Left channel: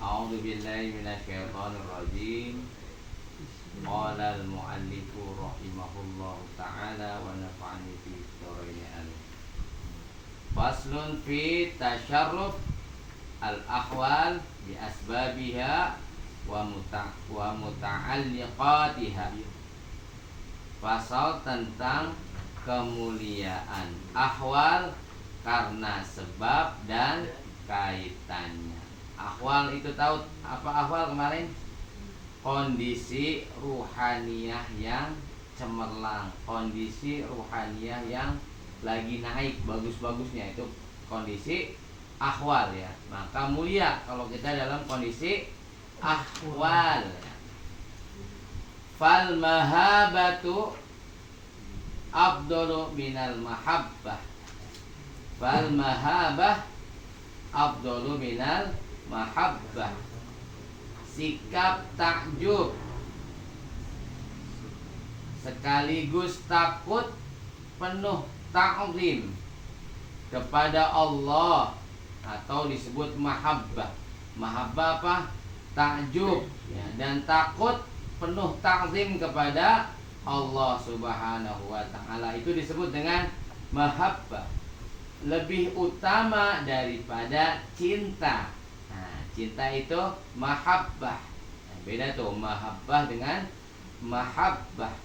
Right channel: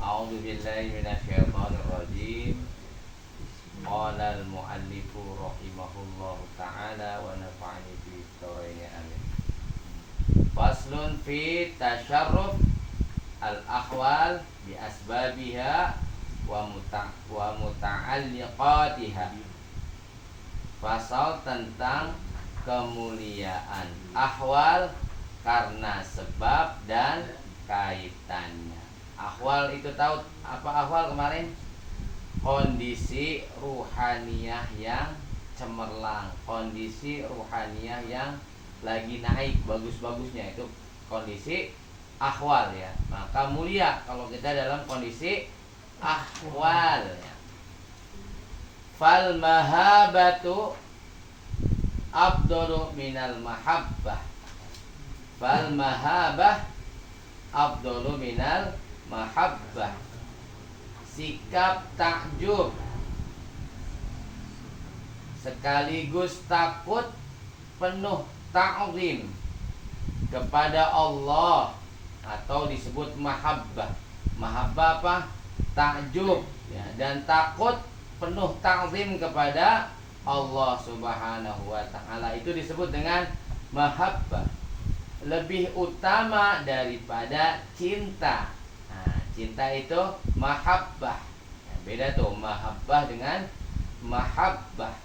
A'udzu billahi minasyaitonir rajim. Qala al-mu'allifu rahimahullahu ta'ala wa nafa'ani bi dzikrihi amin. Faslun fi tasyarruf al-ahwal bi asbabiha wa muta'alliqatiha. Pasal tentang kemuliaan ahwal karena sebab dan kaitannya. Ahwal itu tahu apa ahwal kemarin? Kondisi ruhaniyah yang cemerlang, kondisi ruhaniyah yang lagi naik bagus-bagusnya, itu kondisi ahwal ya. Maka mulia kalau kita dalam kondisi ahwal ya. Fal mahabatu afdalu minal mahabbah. Fal mahabah afdalu minal mahabbah. Sikap takjub sekaligus takut penuh ta'zim kepada Allah atau disebut mahabbah. Mahabbah apa? Takjub ya, dan takut penuh ta'zim kepada Allah Subhanahu wa taala, itu disebut dengan mahabbah. Lebih utama daripada cinta. Nah, cinta itu mahabbah. Beda tuh mahabbah dengan mahabbah.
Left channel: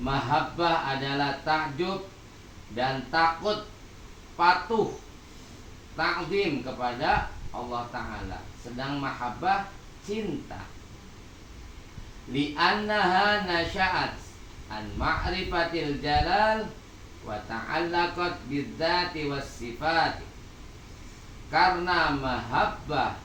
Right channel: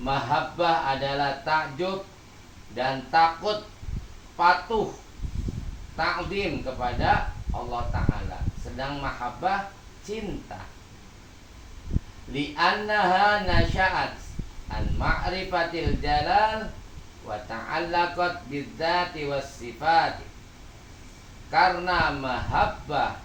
Mahabbah adalah takjub dan takut patuh ta'zim kepada Allah Ta'ala. Sedang mahabbah cinta. Li'annaha nasya'at an ma'rifatil jalal wa ta'allaqat bidzati was sifat. Karena mahabbah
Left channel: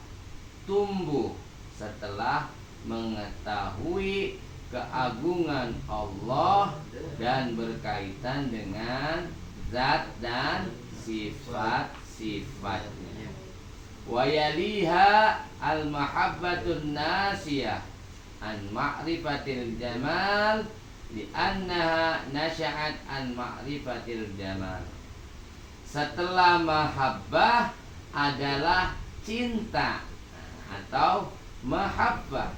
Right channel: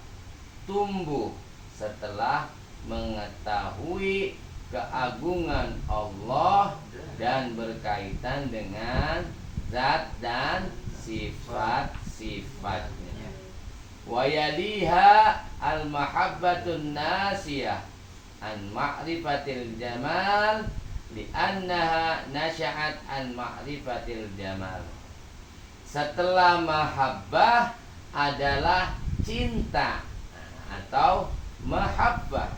tumbuh setelah mengetahui keagungan Allah dan berkaitan dengan zat dan sifat-sifatnya. Wa yaliha al-mahabbatun nasiyah an ma'rifatil jamal li'annaha nasya'at an ma'rifatil jamal. Setelah mahabbah adalah cinta atau mahabbah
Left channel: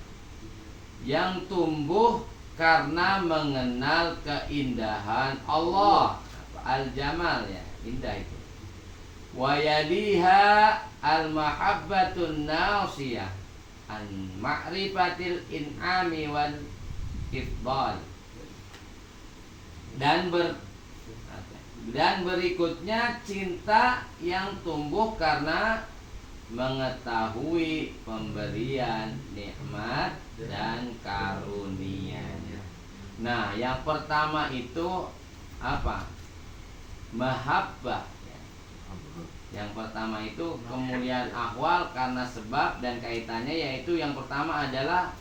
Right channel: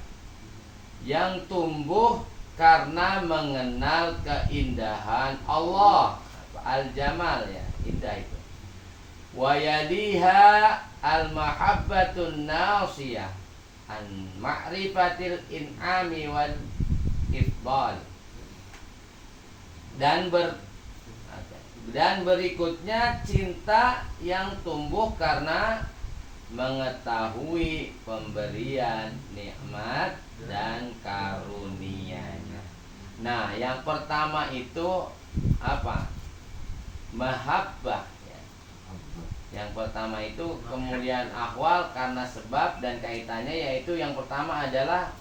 yang tumbuh karena mengenal keindahan Allah. Al-jamal ya, indah itu. Wa yaliha al-mahabbatun nasiyah an ma'rifatil in'ami wal ifdal. Dan berikutnya cinta yang tumbuh karena mengetahui pemberian nikmat dan karunia-Nya. Nah, yang pertama itu apa? Mahabbah ya. Yang pertama itu kemuliaan ahwal karena sebab dan kaitannya, yaitu yang pertama adalah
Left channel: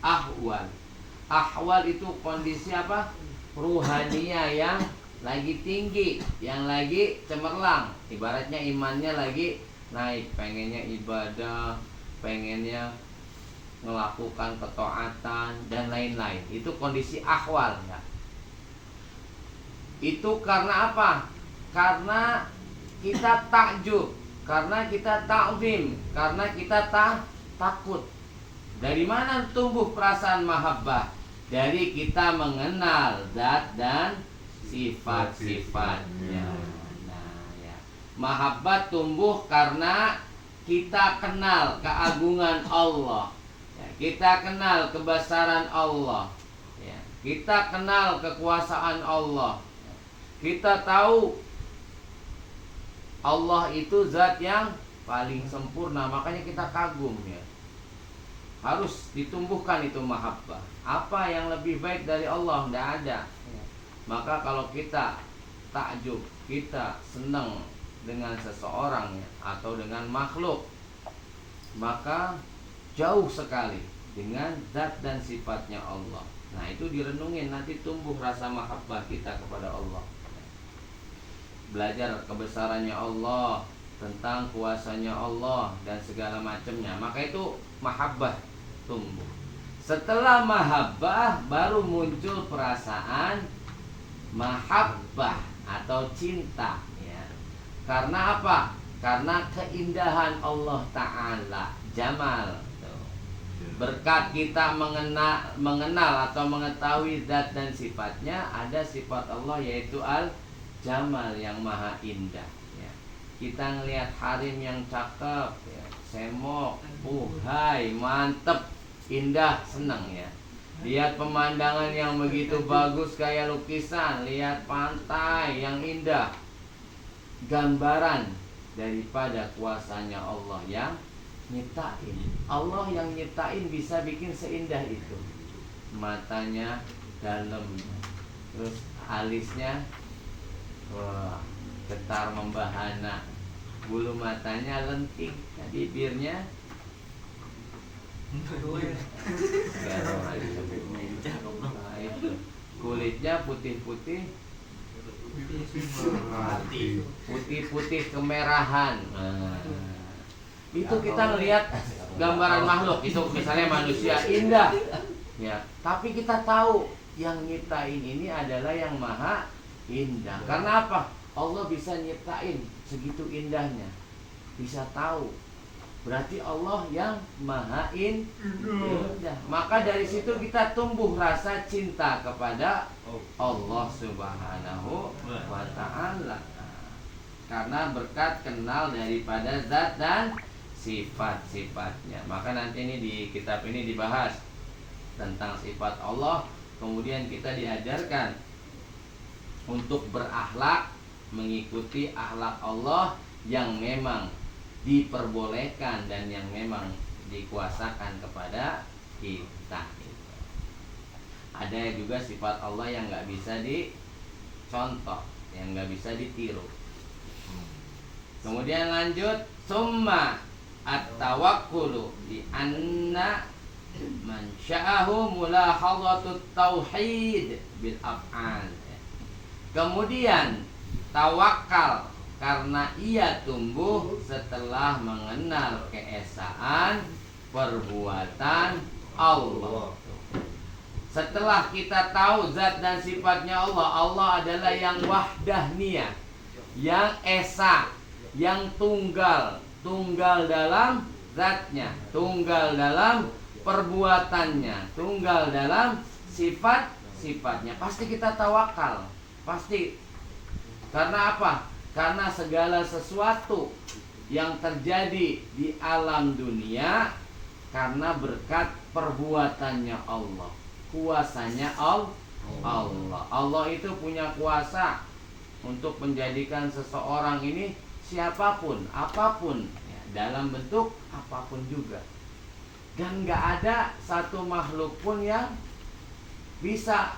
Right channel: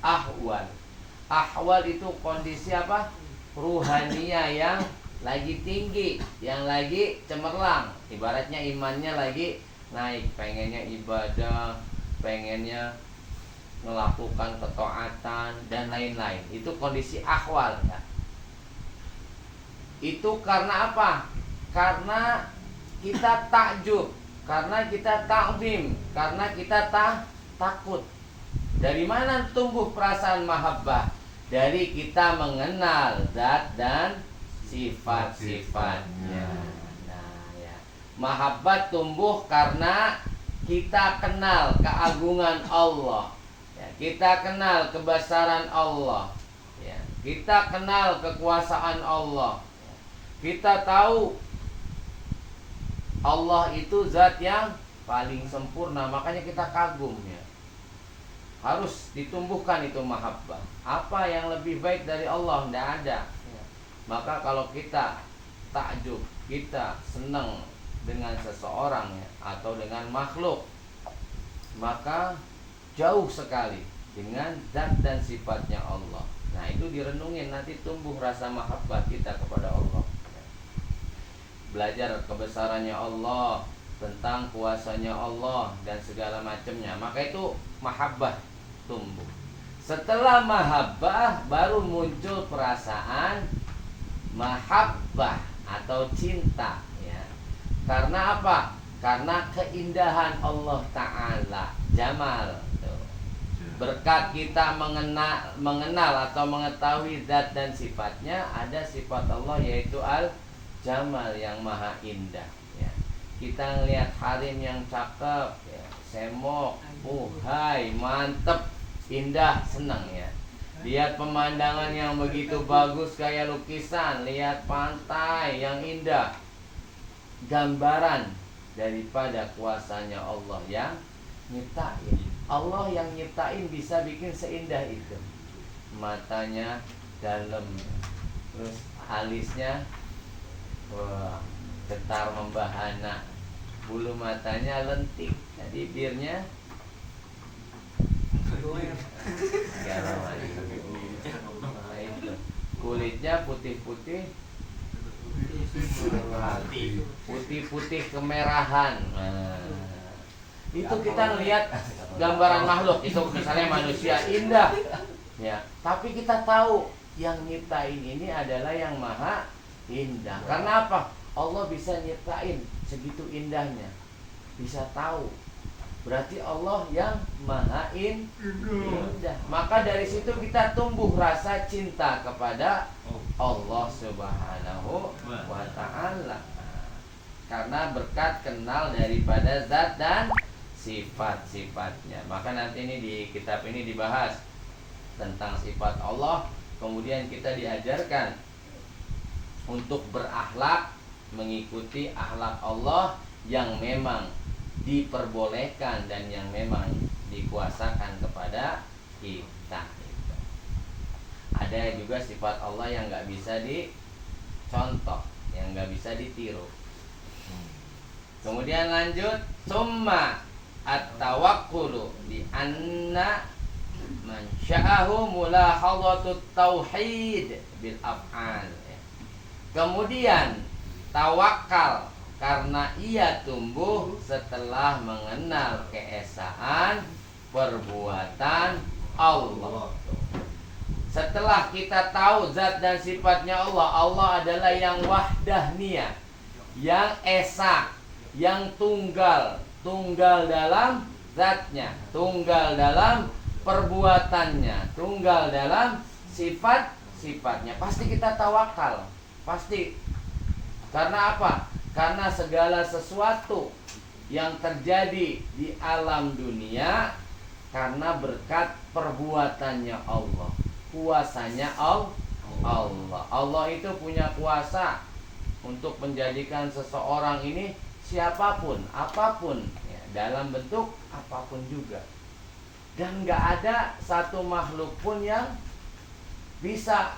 ahwal. Ahwal itu kondisi apa? Ruhaniyah yang lagi tinggi, yang lagi cemerlang. Ibaratnya imannya lagi naik, pengennya ibadah, pengennya melakukan ketaatan dan lain-lain. Itu kondisi ahwal ya. Itu karena apa? Karena kita takjub, karena kita ta'zim, karena kita takut. Dari mana tumbuh perasaan mahabbah? Dari kita mengenal zat dan sifat-sifatnya. Nah, ya. Mahabbah tumbuh karena kita kenal keagungan Allah. Ya, kita kenal kebesaran Allah. Ya, kita kenal kekuasaan Allah. Ya, kita tahu Allah itu zat yang paling sempurna, makanya kita kagum ya. Harus ditumbuhkan itu mahabbah. Apa yang lebih baik dari Allah? Tidak ada ya. Maka kalau kita takjub, kita senang dengan seseorang ya, atau dengan makhluk, maka jauh sekali dengan zat dan sifatnya Allah. Nah, itu direnungin, nanti tumbuh rasa mahabbah kita kepada Allah. Belajar kebesarannya Allah, tentang kuasanya Allah dan segala macamnya, maka itu mahabbah tumbuh. Setelah mahabbah baru muncul perasaan mahabbah atau cinta ya. Karena apa? Karena keindahan Allah Ta'ala, jamal berkat kita mengenal atau mengetahui zat dan sifatnya, ada sifat Allah yaitu al-jamal yang maha indah ya. Kita ngelihat harim yang cakep ya, semok, hai, mantep, indah, senang ya. Lihat pemandangan yang begitu bagus kayak lukisan, lihat pantai yang indah, gambaran daripada kuasanya Allah yang nyiptain. Allah yang nyiptain bisa bikin seindah itu. Matanya dalam, terus alisnya wah, getar membahana, bulu matanya lentik, bibirnya segala macam. Nah, itu kulitnya putih-putih, putih-putih kemerahan. Nah, itu kita ngelihat gambaran makhluk itu, misalnya manusia indah ya, tapi kita tahu yang nyiptain ini adalah yang maha indah. Karena apa? Allah bisa nyiptain segitu indahnya, bisa tahu, berarti Allah yang maha indah. Maka dari situ kita tumbuh rasa cinta kepada Allah Subhanahu wa ta'ala, karena berkat kenal daripada zat dan sifat-sifatnya. Maka nanti ini di kitab ini dibahas tentang sifat Allah. Kemudian kita diajarkan untuk berakhlak, mengikuti akhlak Allah yang memang diperbolehkan dan yang memang dikuasakan kepada kita. Ada juga sifat Allah yang nggak bisa dicontoh, yang nggak bisa ditiru. Kemudian lanjut, summa at-tawakkulu di anna man sya'ahu mulahadhatut tauhid bil af'al. Kemudian tawakal karena ia tumbuh setelah mengenal keesaan perbuatan Allah. Setelah kita tahu zat dan sifatnya Allah, Allah adalah yang wahdahniyah, yang esa, yang tunggal dalam zatnya, tunggal dalam perbuatannya, tunggal dalam sifat-sifatnya. Pasti kita tawakal, pasti. Karena apa? Karena segala sesuatu yang terjadi di alam dunia karena berkat perbuatannya Allah, kuasanya Allah. Allah itu punya kuasa untuk menjadikan seseorang ini siapapun, apapun ya, dalam bentuk apapun juga. Dan gak ada satu makhluk pun yang bisa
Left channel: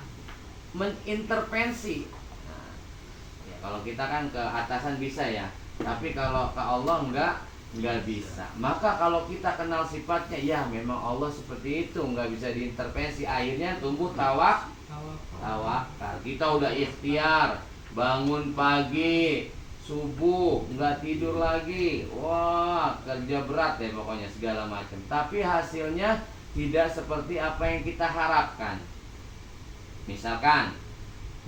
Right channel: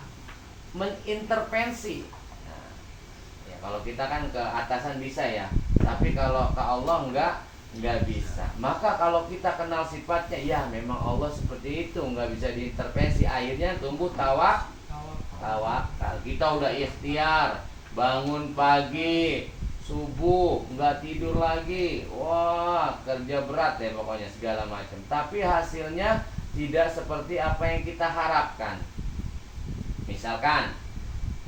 mengintervensi. Nah, ya, kalau kita kan ke atasan bisa ya, tapi kalau ke Allah nggak bisa. Maka kalau kita kenal sifatnya, ya memang Allah seperti itu, nggak bisa diintervensi. Akhirnya tumbuh tawakal. Kita udah ikhtiar, bangun pagi, subuh nggak tidur lagi, wah kerja berat deh pokoknya segala macam, tapi hasilnya tidak seperti apa yang kita harapkan misalkan.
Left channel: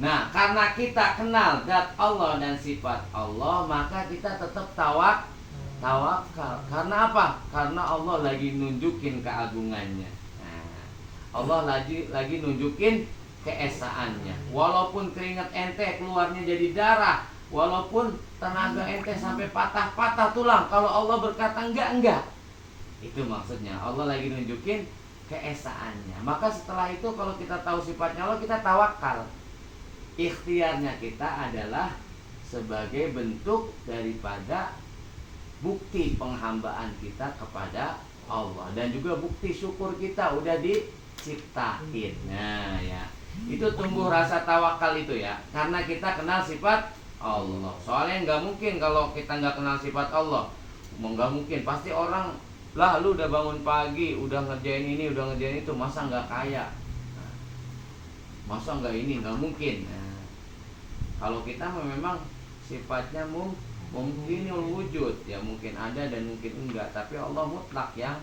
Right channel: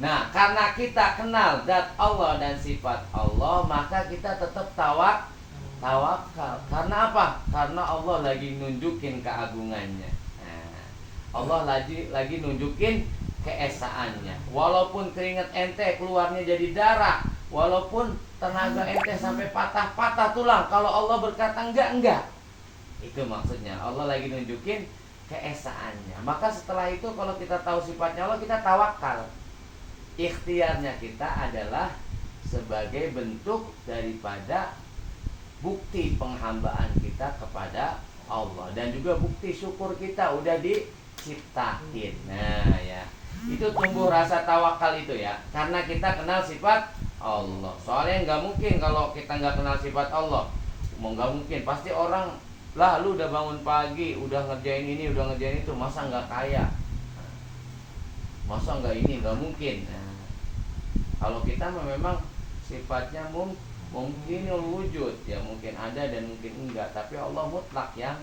Nah, karena kita kenal zat Allah dan sifat Allah, maka kita tetap tawakal. Karena apa? Karena Allah lagi nunjukin keagungannya. Nah, Allah lagi nunjukin keesaannya. Walaupun keringat ente keluarnya jadi darah, walaupun tenaga ente sampai patah-patah tulang, kalau Allah berkata enggak. Itu maksudnya, Allah lagi nunjukin keesaannya. Maka setelah itu kalau kita tahu sifatnya Allah, kita tawakal. Ikhtiarnya kita adalah sebagai bentuk daripada bukti penghambaan kita kepada Allah, dan juga bukti syukur kita udah diciptain. Nah ya, itu tumbuh rasa tawakal itu ya, karena kita kenal sifat Allah. Soalnya nggak mungkin kalau kita nggak kenal sifat Allah, nggak mungkin. Pasti orang, lah lu udah bangun pagi, udah ngerjain ini, udah ngerjain itu, masa nggak kaya? Masa nggak ini? Nggak mungkin. Nah, kalau kita memang sifatnya mungkin wujud, ya mungkin ada dan mungkin enggak. Tapi Allah mutlak yang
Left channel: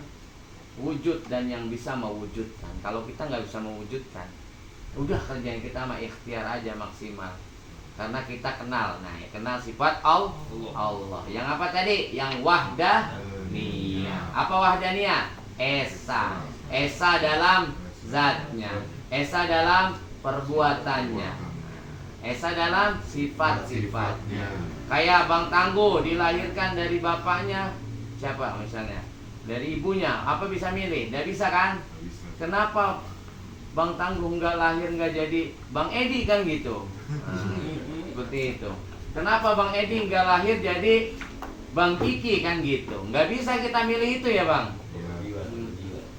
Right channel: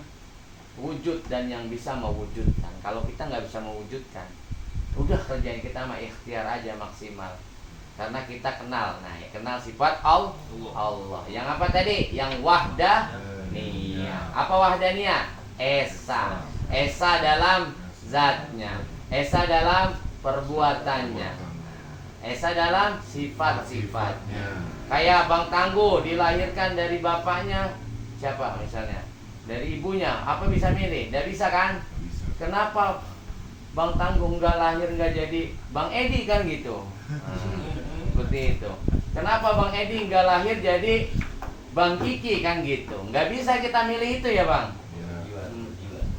wujud dan yang bisa mewujudkan. Kalau kita nggak bisa mewujudkan, udah kerjain kita mah ikhtiar aja maksimal. Karena kita kenal, nah ya, kenal sifat Allah. Yang apa tadi? Yang wahdaniyah. Apa wahdaniyah? esa. Esa dalam zatnya, esa dalam perbuatannya, esa dalam sifat-sifatnya. Kayak Bang Tangguh dilahirkan dari bapaknya siapa misalnya? Dari ibunya, apa bisa milih? Tidak bisa kan? Kenapa Bang Tangguh nggak lahir nggak jadi Bang Edi kan gitu? Seperti itu. Kenapa Bang Edi nggak lahir jadi Bang Kiki kan gitu? Nggak bisa kita milih itu ya Bang.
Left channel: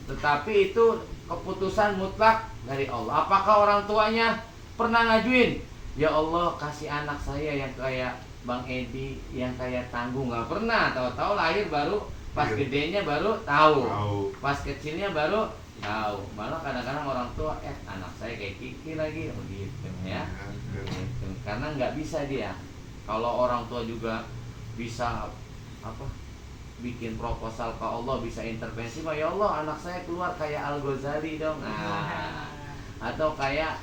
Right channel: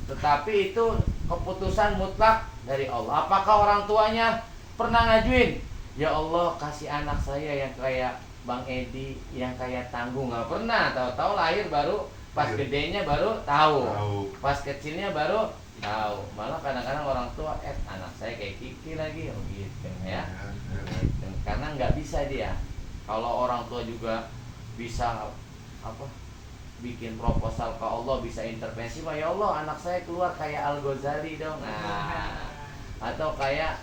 Tetapi itu keputusan mutlak dari Allah. Apakah orang tuanya pernah ngajuin, ya Allah kasih anak saya yang kayak Bang Edi, yang kayak Tangguh? Nggak pernah. Tahu-tahu lahir baru, pas gedenya baru tahu, pas kecilnya baru tahu. Malah kadang-kadang orang tua, anak saya kayak Kiki lagi, gitu ya. Gitu. Karena nggak bisa dia. Kalau orang tua juga bisa apa? Bikin proposal ke Allah, bisa intervensi, ya Allah anak saya keluar kayak Al Ghazali dong, atau kayak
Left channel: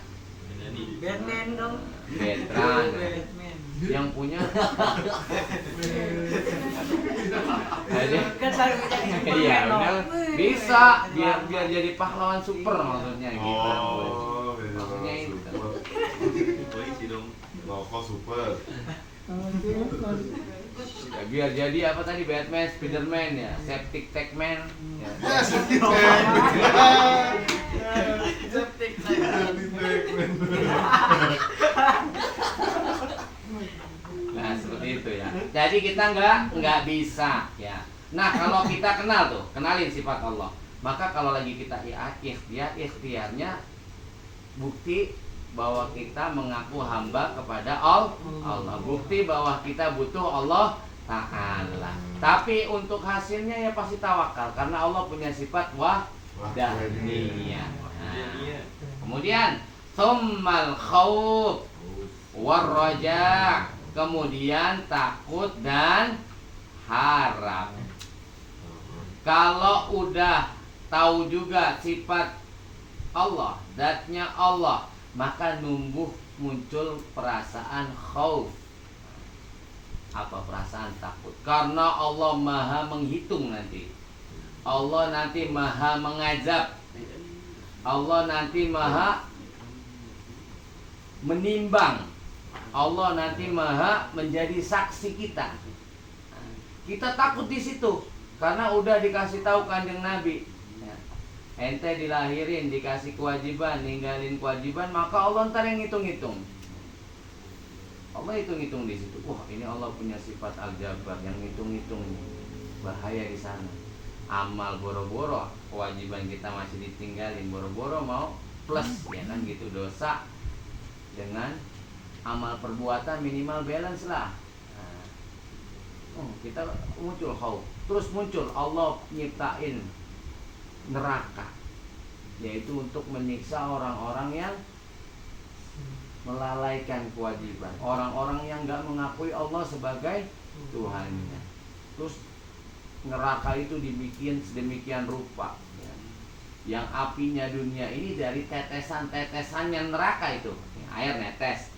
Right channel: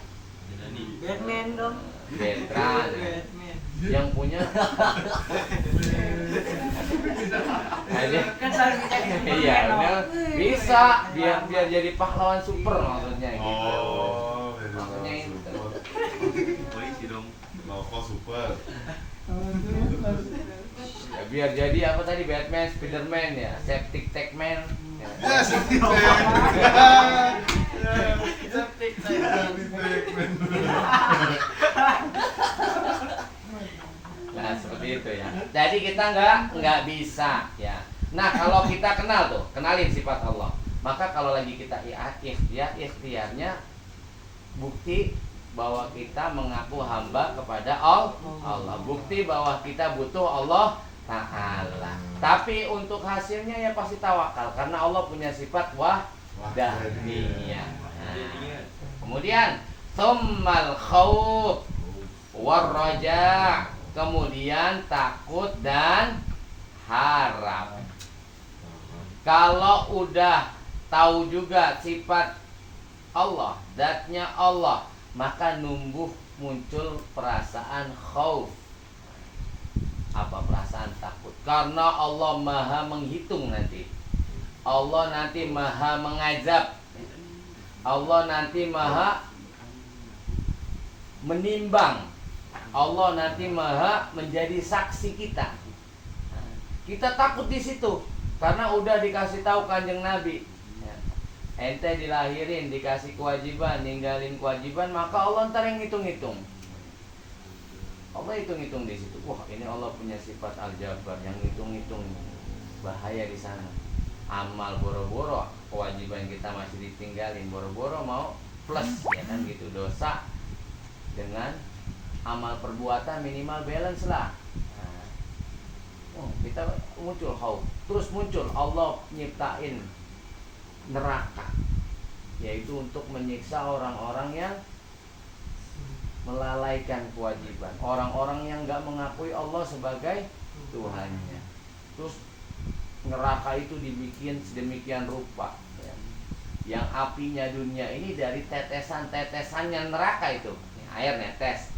Batman dong. Batman yang punya Kan selalu jadi iya Superman, benar, no? bisa biar jadi pahlawan super maksudnya gitu. Maksudnya itu. Polisi dong. Rokok super. Ya, biar jadi apa tadi, Batman, Spiderman ya, Septic Tank Man. Ya. Septic tank. Septic tank. Nah seperti itu ya. Jadi kita nggak bisa ya. Nah kalau kita kenal tuh, kenalin sifat Allah. Maka kalau lagi kita ikhtiarnya bukti bahwa kita mengaku hamba kepada Allah. Bukti bahwa kita butuh Allah Ta'ala. Tapi untuk hasilnya ya pasti tawakal, karena Allah punya sifat wahdaniyah. Nah, kemudian tsummal khauf warraja, kemudian takut dan harap. Kalau udah tahu juga sifat Allah, zatnya Allah, maka muncul perasaan khauf. Apa perasaan takut? Karena Allah maha menghitung nanti. Allah nanti maha mengazab. Allah nanti maha menimbang. Allah nanti maha menjadi saksi kita. Kita takut di situ karena udah dikasih tahu Kanjeng Nabi. Ente dilahirin, dikasih kewajiban, ninggalin kewajiban, maka Allah ntar yang hitung-hitung. Allah hitung-hitung di situ. Wah, ini Allah punya sifat Al-Jabbar yang hitung-hitung. Bahaya di sana. Amal boro-boro, kewajiban kita masih ditinggalin, boro-boro mau plus, ya kan gitu. Dosa dengan amal perbuatan minimal balance lah. Kita muncul khauf. Terus muncul Allah nyiptain neraka, yaitu untuk menyiksa orang-orang yang melalaikan kewajiban, orang-orang yang nggak mengakui Allah sebagai Tuhannya. Terus neraka itu dibikin sedemikian rupa ya. Yang apinya dunia ini dari tetesan-tetesannya neraka itu, air netes,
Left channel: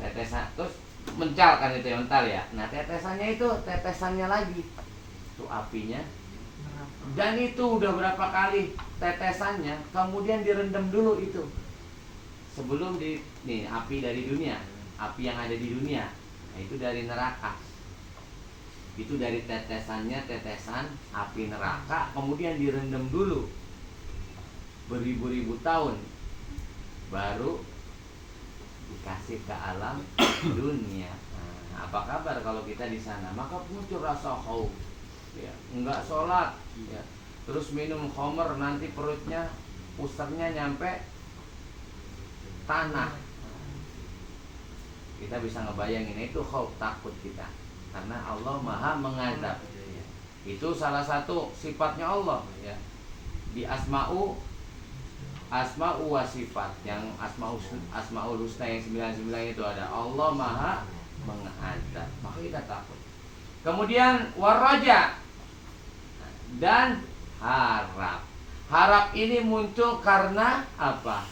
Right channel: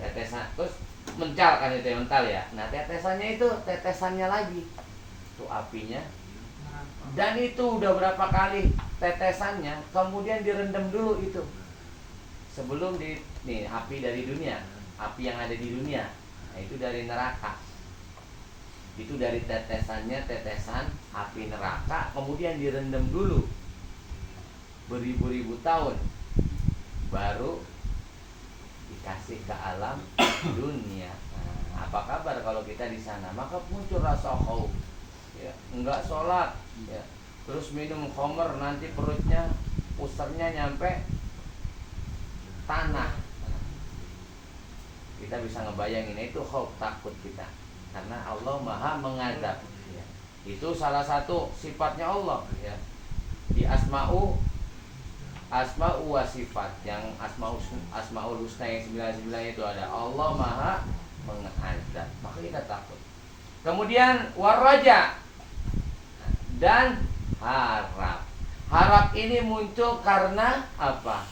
tetesan, terus mencal kan itu yang mental ya. Nah tetesannya itu tetesannya lagi, itu apinya. Dan itu udah berapa kali tetesannya, kemudian direndam dulu itu sebelum api dari dunia, api yang ada di dunia, nah itu dari neraka, itu dari tetesannya, tetesan api neraka, kemudian direndam dulu beribu-ribu tahun, baru dikasih ke alam dunia. Nah, apa kabar kalau kita di sana? Maka muncul rasa khauf, ya, enggak sholat, ya, terus minum khamr, nanti perutnya pusernya nyampe tanah. Kita bisa ngebayangin itu khauf, takut kita, karena Allah maha mengazab. Itu salah satu sifatnya Allah ya. Di asma'u wa sifat, yang asma'ul husna yang 99 itu ada Allah maha mengazab, maka kita takut. Kemudian waraja dan harap. Harap ini muncul karena apa?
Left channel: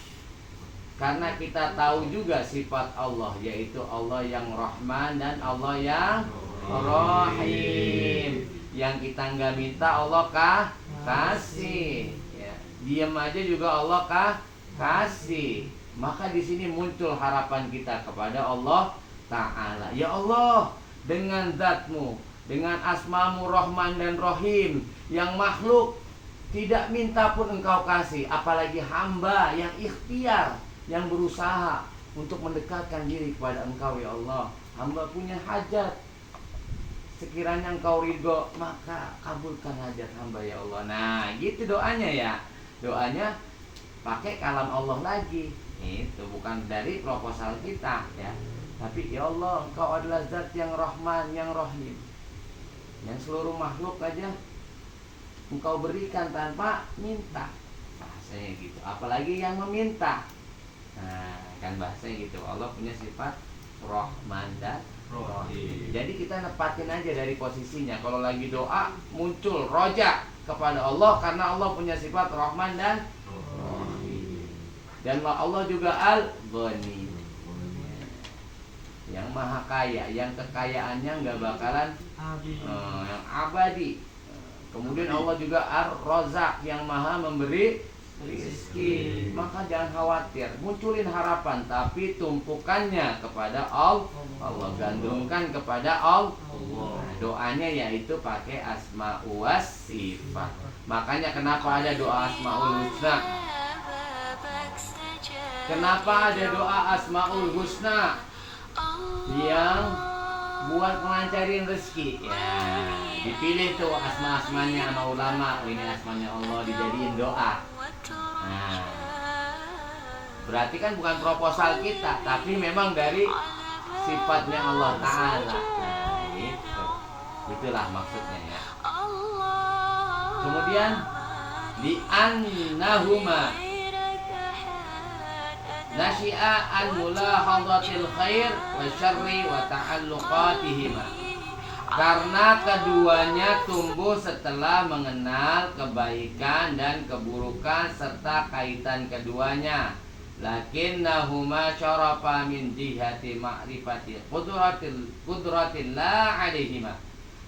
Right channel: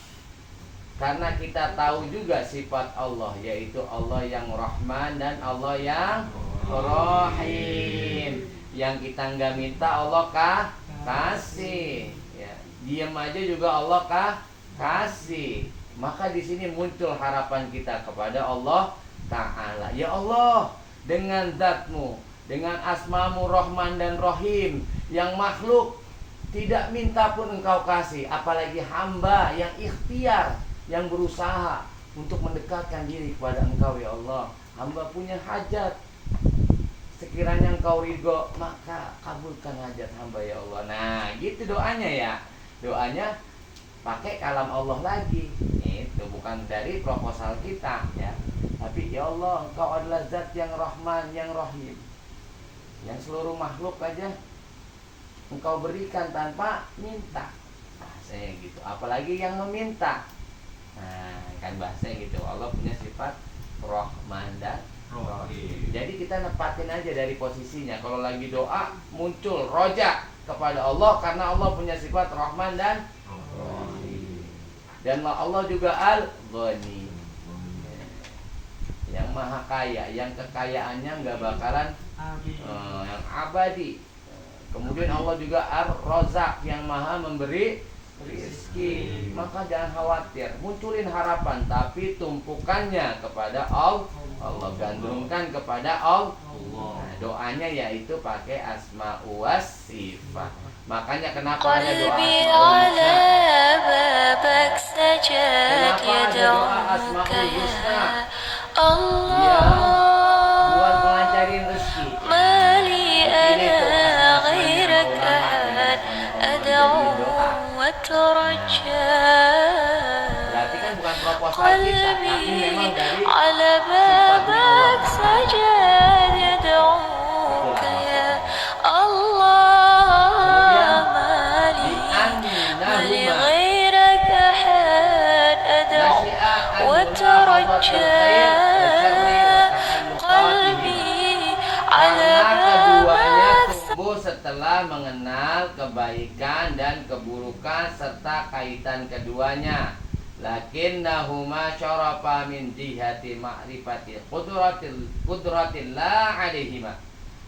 Karena kita tahu juga sifat Allah, yaitu Allah yang Rahman dan Allah yang Rahim. Yang kita nggak minta Allah kasih. Ya, diam aja juga Allah kasih. Maka di sini muncul harapan kita kepada Allah Ta'ala. Ya Allah, dengan zatmu, dengan asmamu Rahman dan Rahim, yang makhluk tidak minta pun engkau kasih, apalagi hamba yang ikhtiar, yang berusaha untuk mendekatkan diri kepada engkau. Ya Allah, hamba punya hajat, sekiranya engkau ridho maka kabulkan hajat hamba ya Allah. Nah gitu doanya ya. Doanya pakai kalam Allah lagi. Itu bukan dari proposal kita ya. Tapi ya Allah, engkau adalah zat yang Rahman, yang Rahim, yang seluruh makhluk aja engkau berikan tanpa minta. Bahasanya gitu. Apalagi yang meminta. Nah kan bahasanya gitu. Allah punya sifat Rahman dan Rahim. Jadi kita nepatin aja dari posisinya. Kalau lagi doa muncul roja kepada Allah karena Allah punya sifat Rahman dan Rahim. Dan Allah juga Al-Ghani, yang maha kaya, yang kekayaannya nggak bakalan yang abadi. Kemudian Allah juga Ar-Razzaq, yang maha memberi rizki. Maka jangan khawatir, munculin harapan, tapi tumpukannya kepada Allah, gandrungkan kepada Allah. Nah, doanya yaitu pakai asma'u was sifat. Makanya kenapa ada doa asma'ul husna? Kenapa ada doa asma'ul husna? Yang buat melancarin rezeki. Dipilih tuh asma-asmanya ulama dengan asmanya Allah dijadiin doa. Berarti kan bukan proposal kita, tapi memang dari sifatnya Allah Ta'ala. Itulah maksudnya. Kemudian li'annahuma nasyi'a an-mulahadatul khair wa syarri wa ta'alluqatihima. Karena keduanya tumbuh setelah mengenal kebaikan dan keburukan serta kaitan keduanya. Lakinnahuma syarafa min jihati ma'rifati qudratillah alaihima.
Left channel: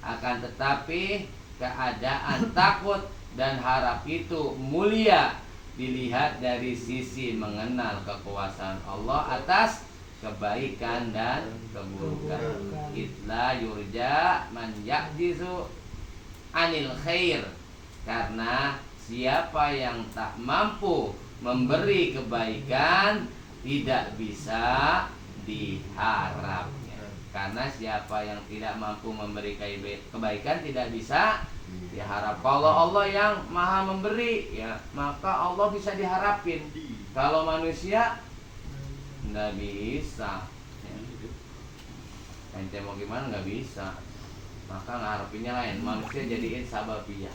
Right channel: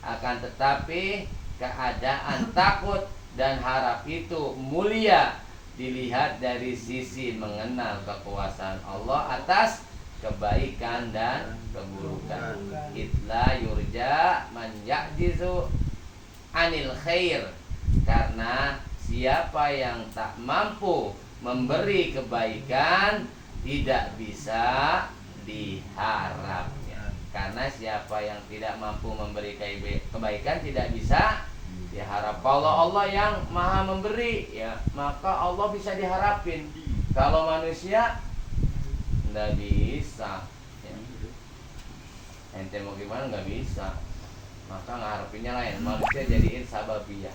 Akan tetapi keadaan takut dan harap itu mulia dilihat dari sisi mengenal kekuasaan Allah atas kebaikan dan keburukan. Itla yurja man ya'jizu anil khair. Karena siapa yang tak mampu memberi kebaikan tidak bisa diharapnya. Karena siapa yang tidak mampu memberi kebaikan tidak bisa diharap. Kalau Allah yang maha memberi, ya maka Allah bisa diharapin. Kalau manusia nggak bisa ya. Ente mau gimana nggak bisa, maka ngarepinnya lain. Manusia jadiin sababiyah,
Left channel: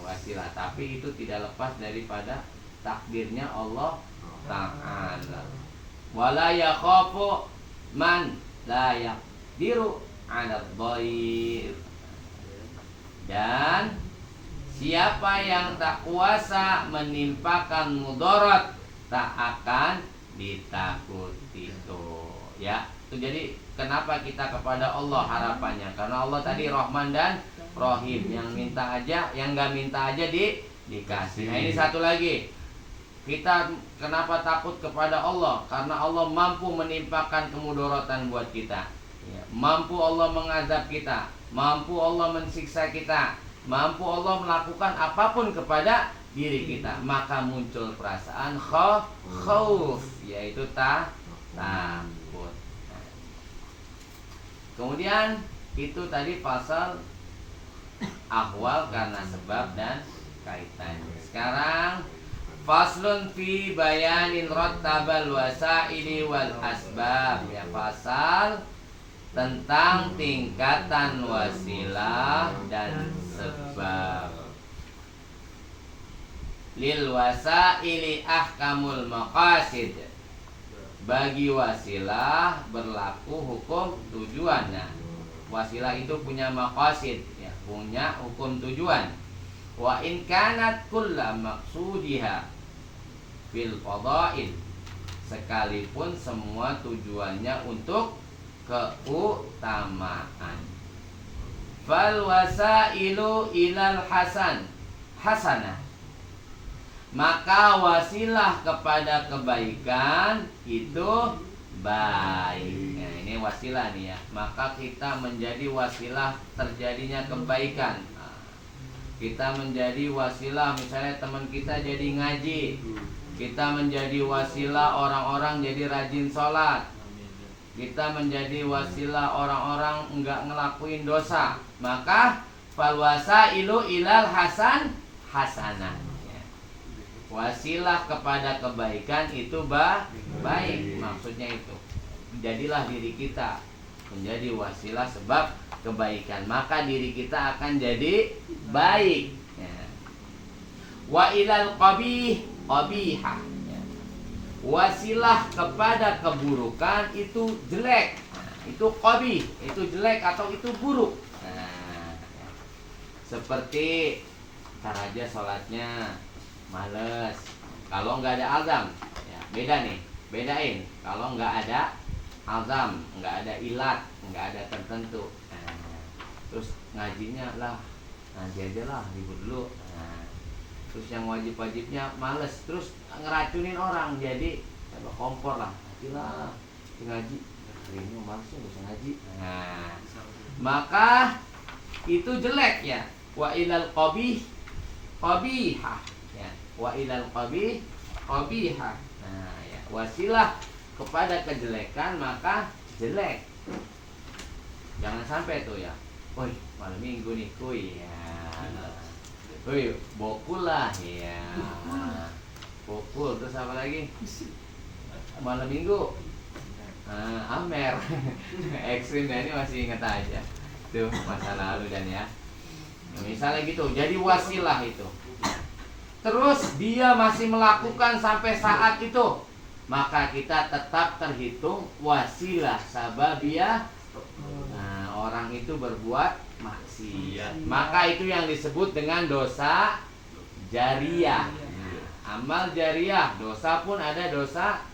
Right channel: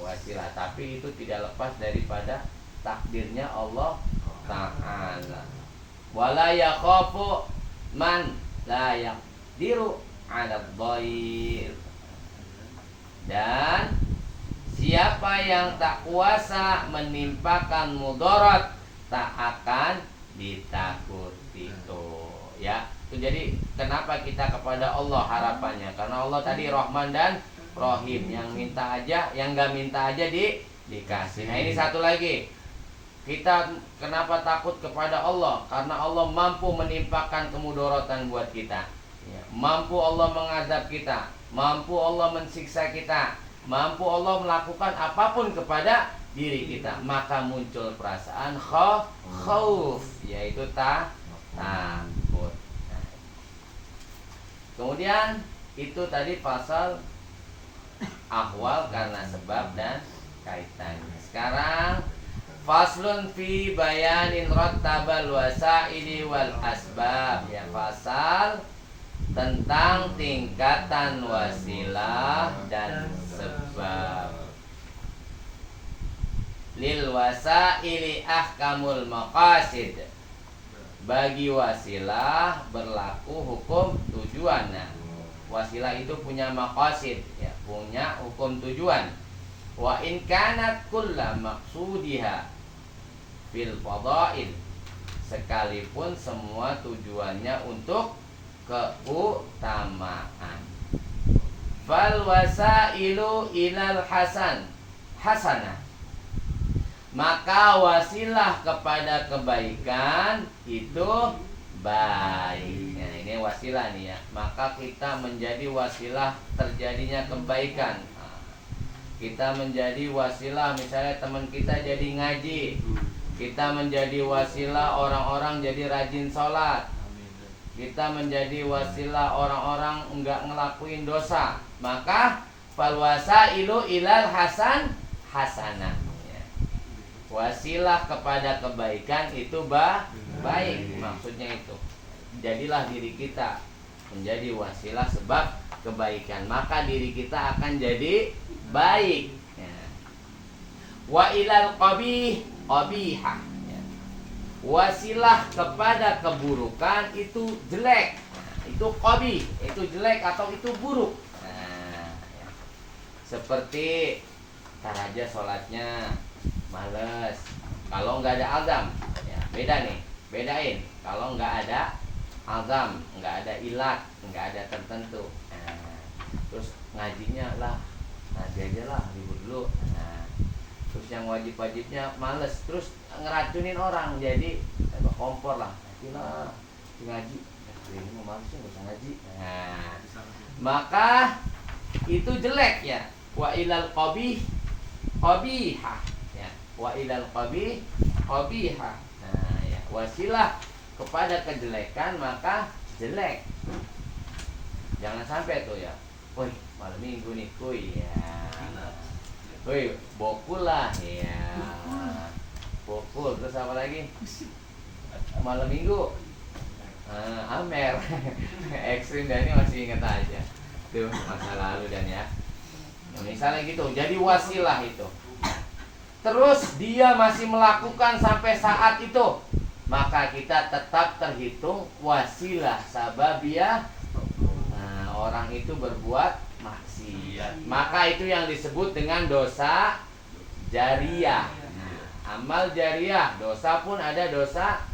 wasilah. Tapi itu tidak lepas daripada takdirnya Allah Ta'ala. Wala yakhafu man la yaqdiru 'ala dhair. Dan siapa yang tak kuasa menimpakan mudarat tak akan ditakuti. Tuh ya. Itu jadi kenapa kita kepada Allah harapannya? Karena Allah tadi Rahman dan Rahim, yang minta aja, yang nggak minta aja dikasih. Nah ini satu lagi, kita kenapa takut kepada Allah? Karena Allah mampu menimpakan kemudaratan buat kita ya. Mampu Allah mengazab kita, mampu Allah mensiksa kita, mampu Allah melakukan apapun kepada diri kita. Maka muncul perasaan khauf, yaitu takut. Kemudian itu tadi pasal ahwal karena sebab dan kaitannya. Sekarang faslun fi bayanin rattabal wasaili wal asbab, ya, pasal tentang tingkatan wasilah dan sebab. Lil wasaili ahkamul maqasid. Bagi wasilah berlaku hukum tujuan. Nah, wasilah itu punya maqasid ya, punya hukum tujuan. Wa in kanat kulla maqsudiha fil fadail, sekalipun semua tujuannya untuk keutamaan. Fal wasailu ilal hasan hasanah. Maka wasilah kepada kebaikan itu baik. Nah, ini wasilah nih ya. Maka kita menjadi wasilah terjadinya kebaikan. Nah, kita menjadi wasilah, misalnya teman kita jadi ngaji, kita menjadi wasilah orang-orang jadi rajin sholat, kita menjadi wasilah orang-orang enggak ngelakuin dosa. Maka fal wasailu ilal hasanah. Wasilah kepada kebaikan itu baik, maksudnya itu. Jadilah diri kita menjadi wasilah sebab kebaikan, maka diri kita akan jadi baik. Wa ilal qabihah. Wasilah kepada keburukan itu jelek. Itu qabih, itu jelek atau itu buruk. Seperti tar aja sholatnya males, kalau nggak ada azam, ya beda nih, bedain. Kalau nggak ada azam, nggak ada ilat, nggak ada tertentu, terus ngajinya lah, ngaji aja lah, ribut dulu. Terus yang wajib-wajibnya males, terus ngeracunin orang, jadi kompor lah, ngajilah, ngaji, ini mau males nggak usah ngaji. Maka itu jelek ya. Wa ilal qabihah. Wa ilal qabihah. Nah, ya, wasilah kepada kejelekan maka jelek. Jangan sampai tuh ya. Woi, malam minggu nih kuy ya. Woi, bokul lah ya. Bokul, terus apa lagi? Malam minggu. Amer. Ekstrim dan ini masih ingat aja. Tuh masa lalu dan ya. Nah, misalnya gitu, jadi wasilah itu. Terus dia masih melakukan sampai saat itu, maka kita tetap terhitung wasilah sababiyah. Nah, orang itu berbuat maksiat, maka itu yang disebut dengan dosa jariyah. Nah, amal jariyah, dosa pun ada dosa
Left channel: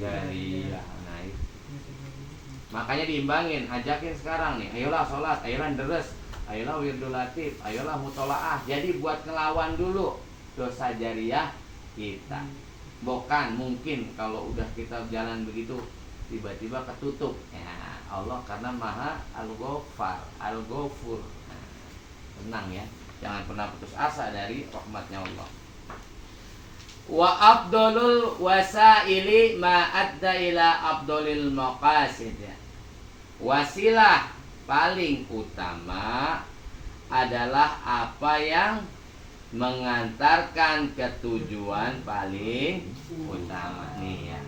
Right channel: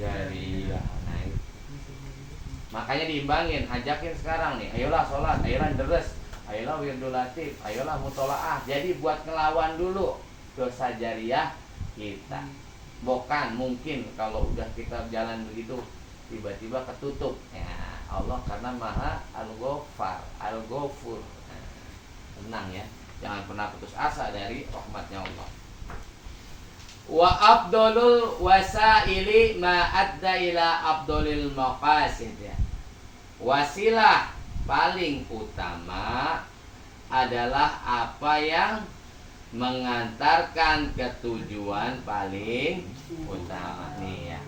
jariyah. Nah, itu. Makanya diimbangin, ajakin sekarang nih, ayolah sholat, ayolah deres, ayolah wirdul latif, ayolah mutolaah. Jadi buat ngelawan dulu dosa jariyah kita. Bukan mungkin kalau udah kita jalan begitu tiba-tiba ketutup. Ya, Allah karena Maha Al-Ghafar, Al-Ghafur. Tenang ya, jangan pernah putus asa dari rahmatnya Allah. Wa afdalul wasaili ma adda ila afdalil maqasid. Wasilah paling utama adalah apa yang mengantarkan ke tujuan paling utama nih ya.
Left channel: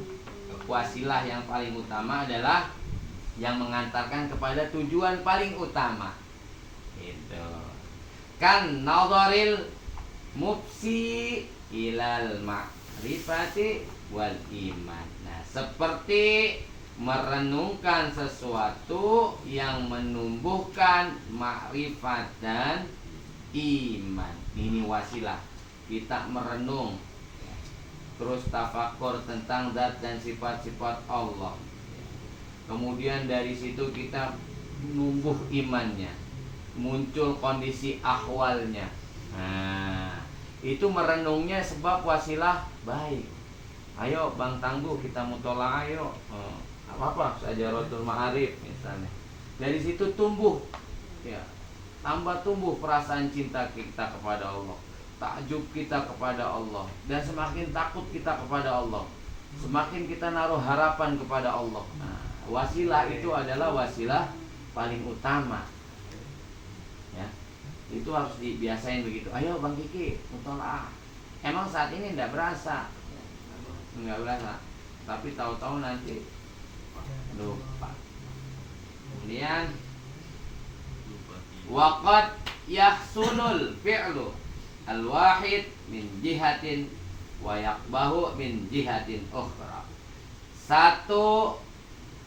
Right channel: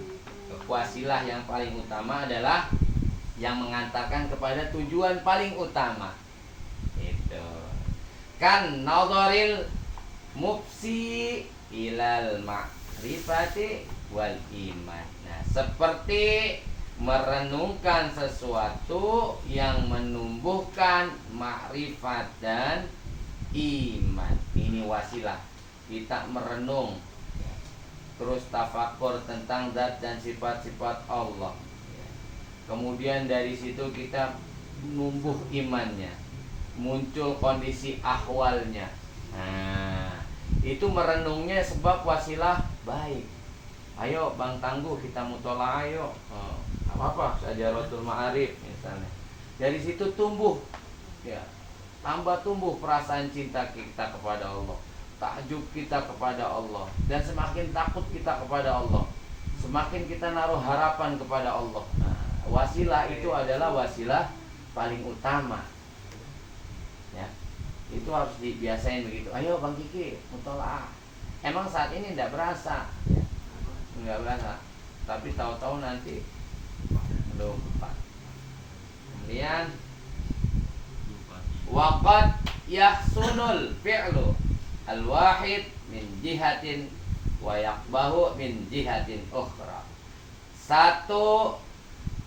Wasilah yang paling utama adalah yang mengantarkan kepada tujuan paling utama. Itu kan nadharil mufsi ilal ma'rifati wal iman. Nah, seperti merenungkan sesuatu yang menumbuhkan makrifat dan iman. Ini wasilah. Kita merenung, terus tafakur tentang zat dan sifat-sifat Allah. Kemudian dari situ kita numbuh imannya, muncul kondisi ahwalnya. Nah, itu merenungnya sebab wasilah baik. Ayo Bang Tangguh kita mutolaah ayo. Apa-apa Syajaratul Ma'arif misalnya. Dari situ tumbuh ya, tambah tumbuh perasaan cinta kita kepada Allah, takjub kita kepada Allah, dan semakin takut kita kepada Allah, semakin kita naruh harapan kepada Allah. Nah, wasilah itu adalah wasilah paling utama. Ya, itu harus dibiasain begitu. Ayo Bang Kiki, mutolaah. Emang saat ini tidak berasa, ya, nggak berasa, tapi tahu-tahu nanti lupa. Kemudian waqad yahsunul fi'lu al-wahid min jihatin wa yaqbahu min jihatin ukhra. Satu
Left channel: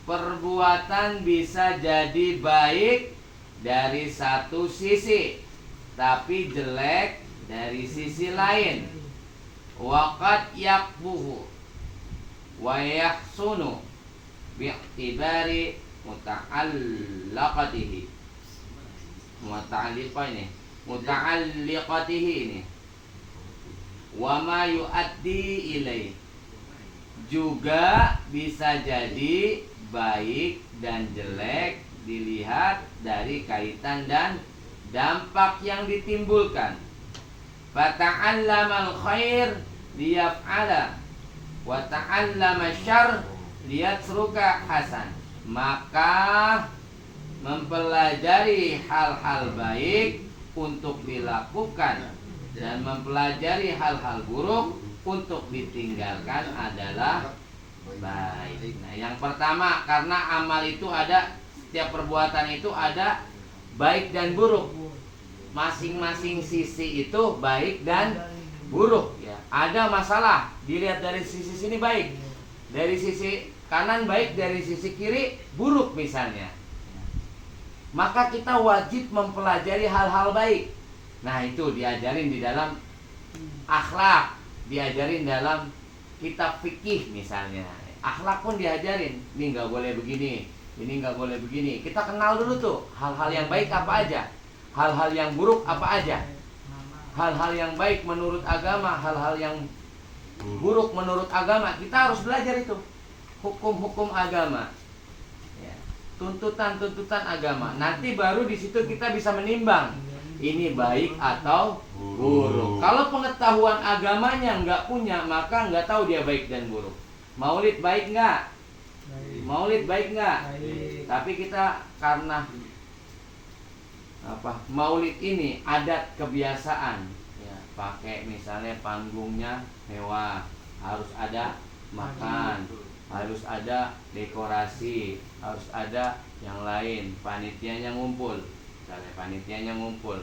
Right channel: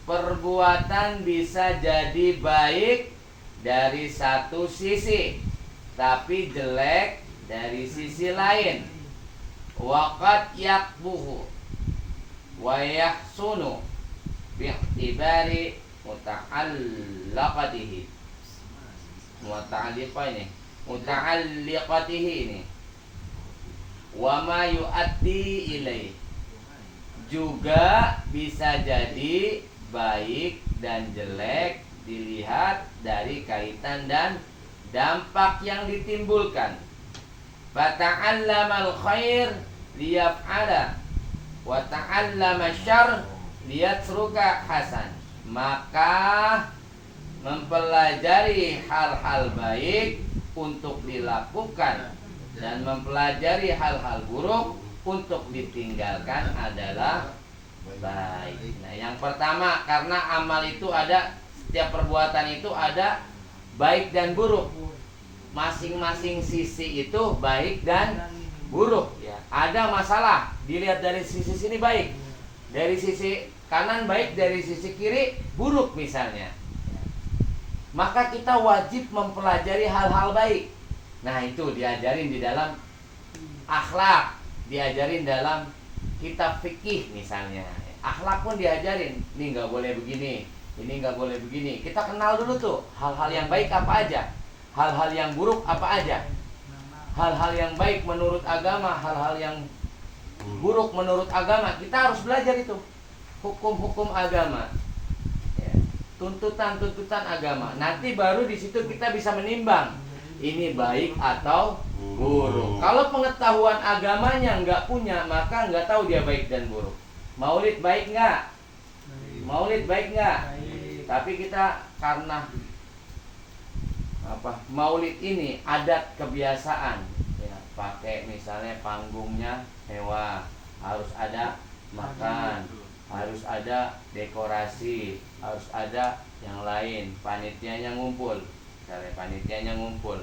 perbuatan bisa jadi baik dari satu sisi, tapi jelek dari sisi lain. Waqad yaqbuhu wa yahsunu bi'tibari muta'allaqatihi. Muta'alliqah ini, muta'alliqatihi ini, wa ma yu'addi ilaih. Juga bisa jadi baik dan jelek dilihat dari kaitan dan dampak yang ditimbulkan. Fata'allamal khair liyaf'ala wa ta'allama syarr liyatruka hasan. Maka mempelajari hal-hal baik untuk dilakukan dan mempelajari hal-hal buruk untuk ditinggalkan adalah baik. Nah, yang pertama, karena amal itu ada, setiap perbuatan itu ada baik dan buruk. Masing-masing sisi itu baik dan buruk ya. Ada masalah, dilihat dari sisi sini baik, dari sisi kanan baik, dari sisi kiri buruk misalnya. Maka kita wajib mempelajari hal-hal baik. Nah, itu diajarin di dalam akhlak, diajarin dalam kitab fikih misalnya. Akhlak pun diajarin, ini nggak boleh begini, ini nggak boleh begini. Kita kenal dulu tuh hal-hal yang baik apa aja, hal-hal yang buruk apa aja. Hal-hal yang baik menurut agama, hal-hal yang buruk menurut agama. Kita harus belajar itu, hukum-hukum agama ya, tuntutan-tuntutan agama. Nanti baru di situ kita bisa menimbang ini baik atau buruk. Kalau pengetahuan agamanya nggak punya, maka nggak tahu dia baik dan buruk. Maulid baik nggak? Maulid baik nggak? Tapi kita karena Maulid ini adat kebiasaan ya, pakai misalnya panggungnya hewan, harus ada makan, harus ada dekorasi, harus ada yang lain, panitianya ngumpul. Misalnya panitianya ngumpul,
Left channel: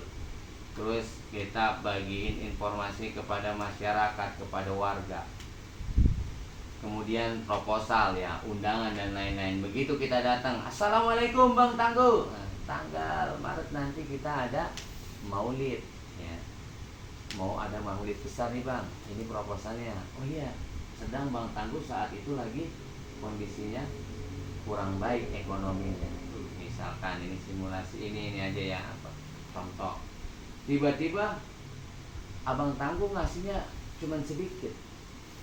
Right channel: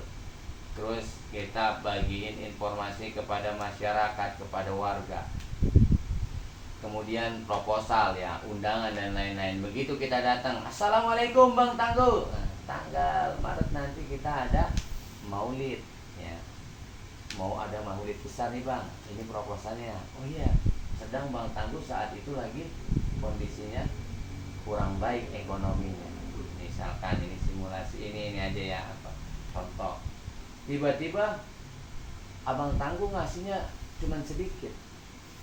terus kita bagiin informasi kepada masyarakat, kepada warga, kemudian proposal ya, undangan dan lain-lain. Begitu kita datang, assalamualaikum Bang Tangguh, nah, tanggal Maret nanti kita ada maulid ya, mau ada maulid besar nih Bang, ini proposalnya. Oh iya, sedang Bang Tangguh saat itu lagi kondisinya kurang baik ekonominya, misalkan ini simulasi ini aja ya, contoh. Tiba-tiba Abang Tangguh ngasihnya cuman sedikit.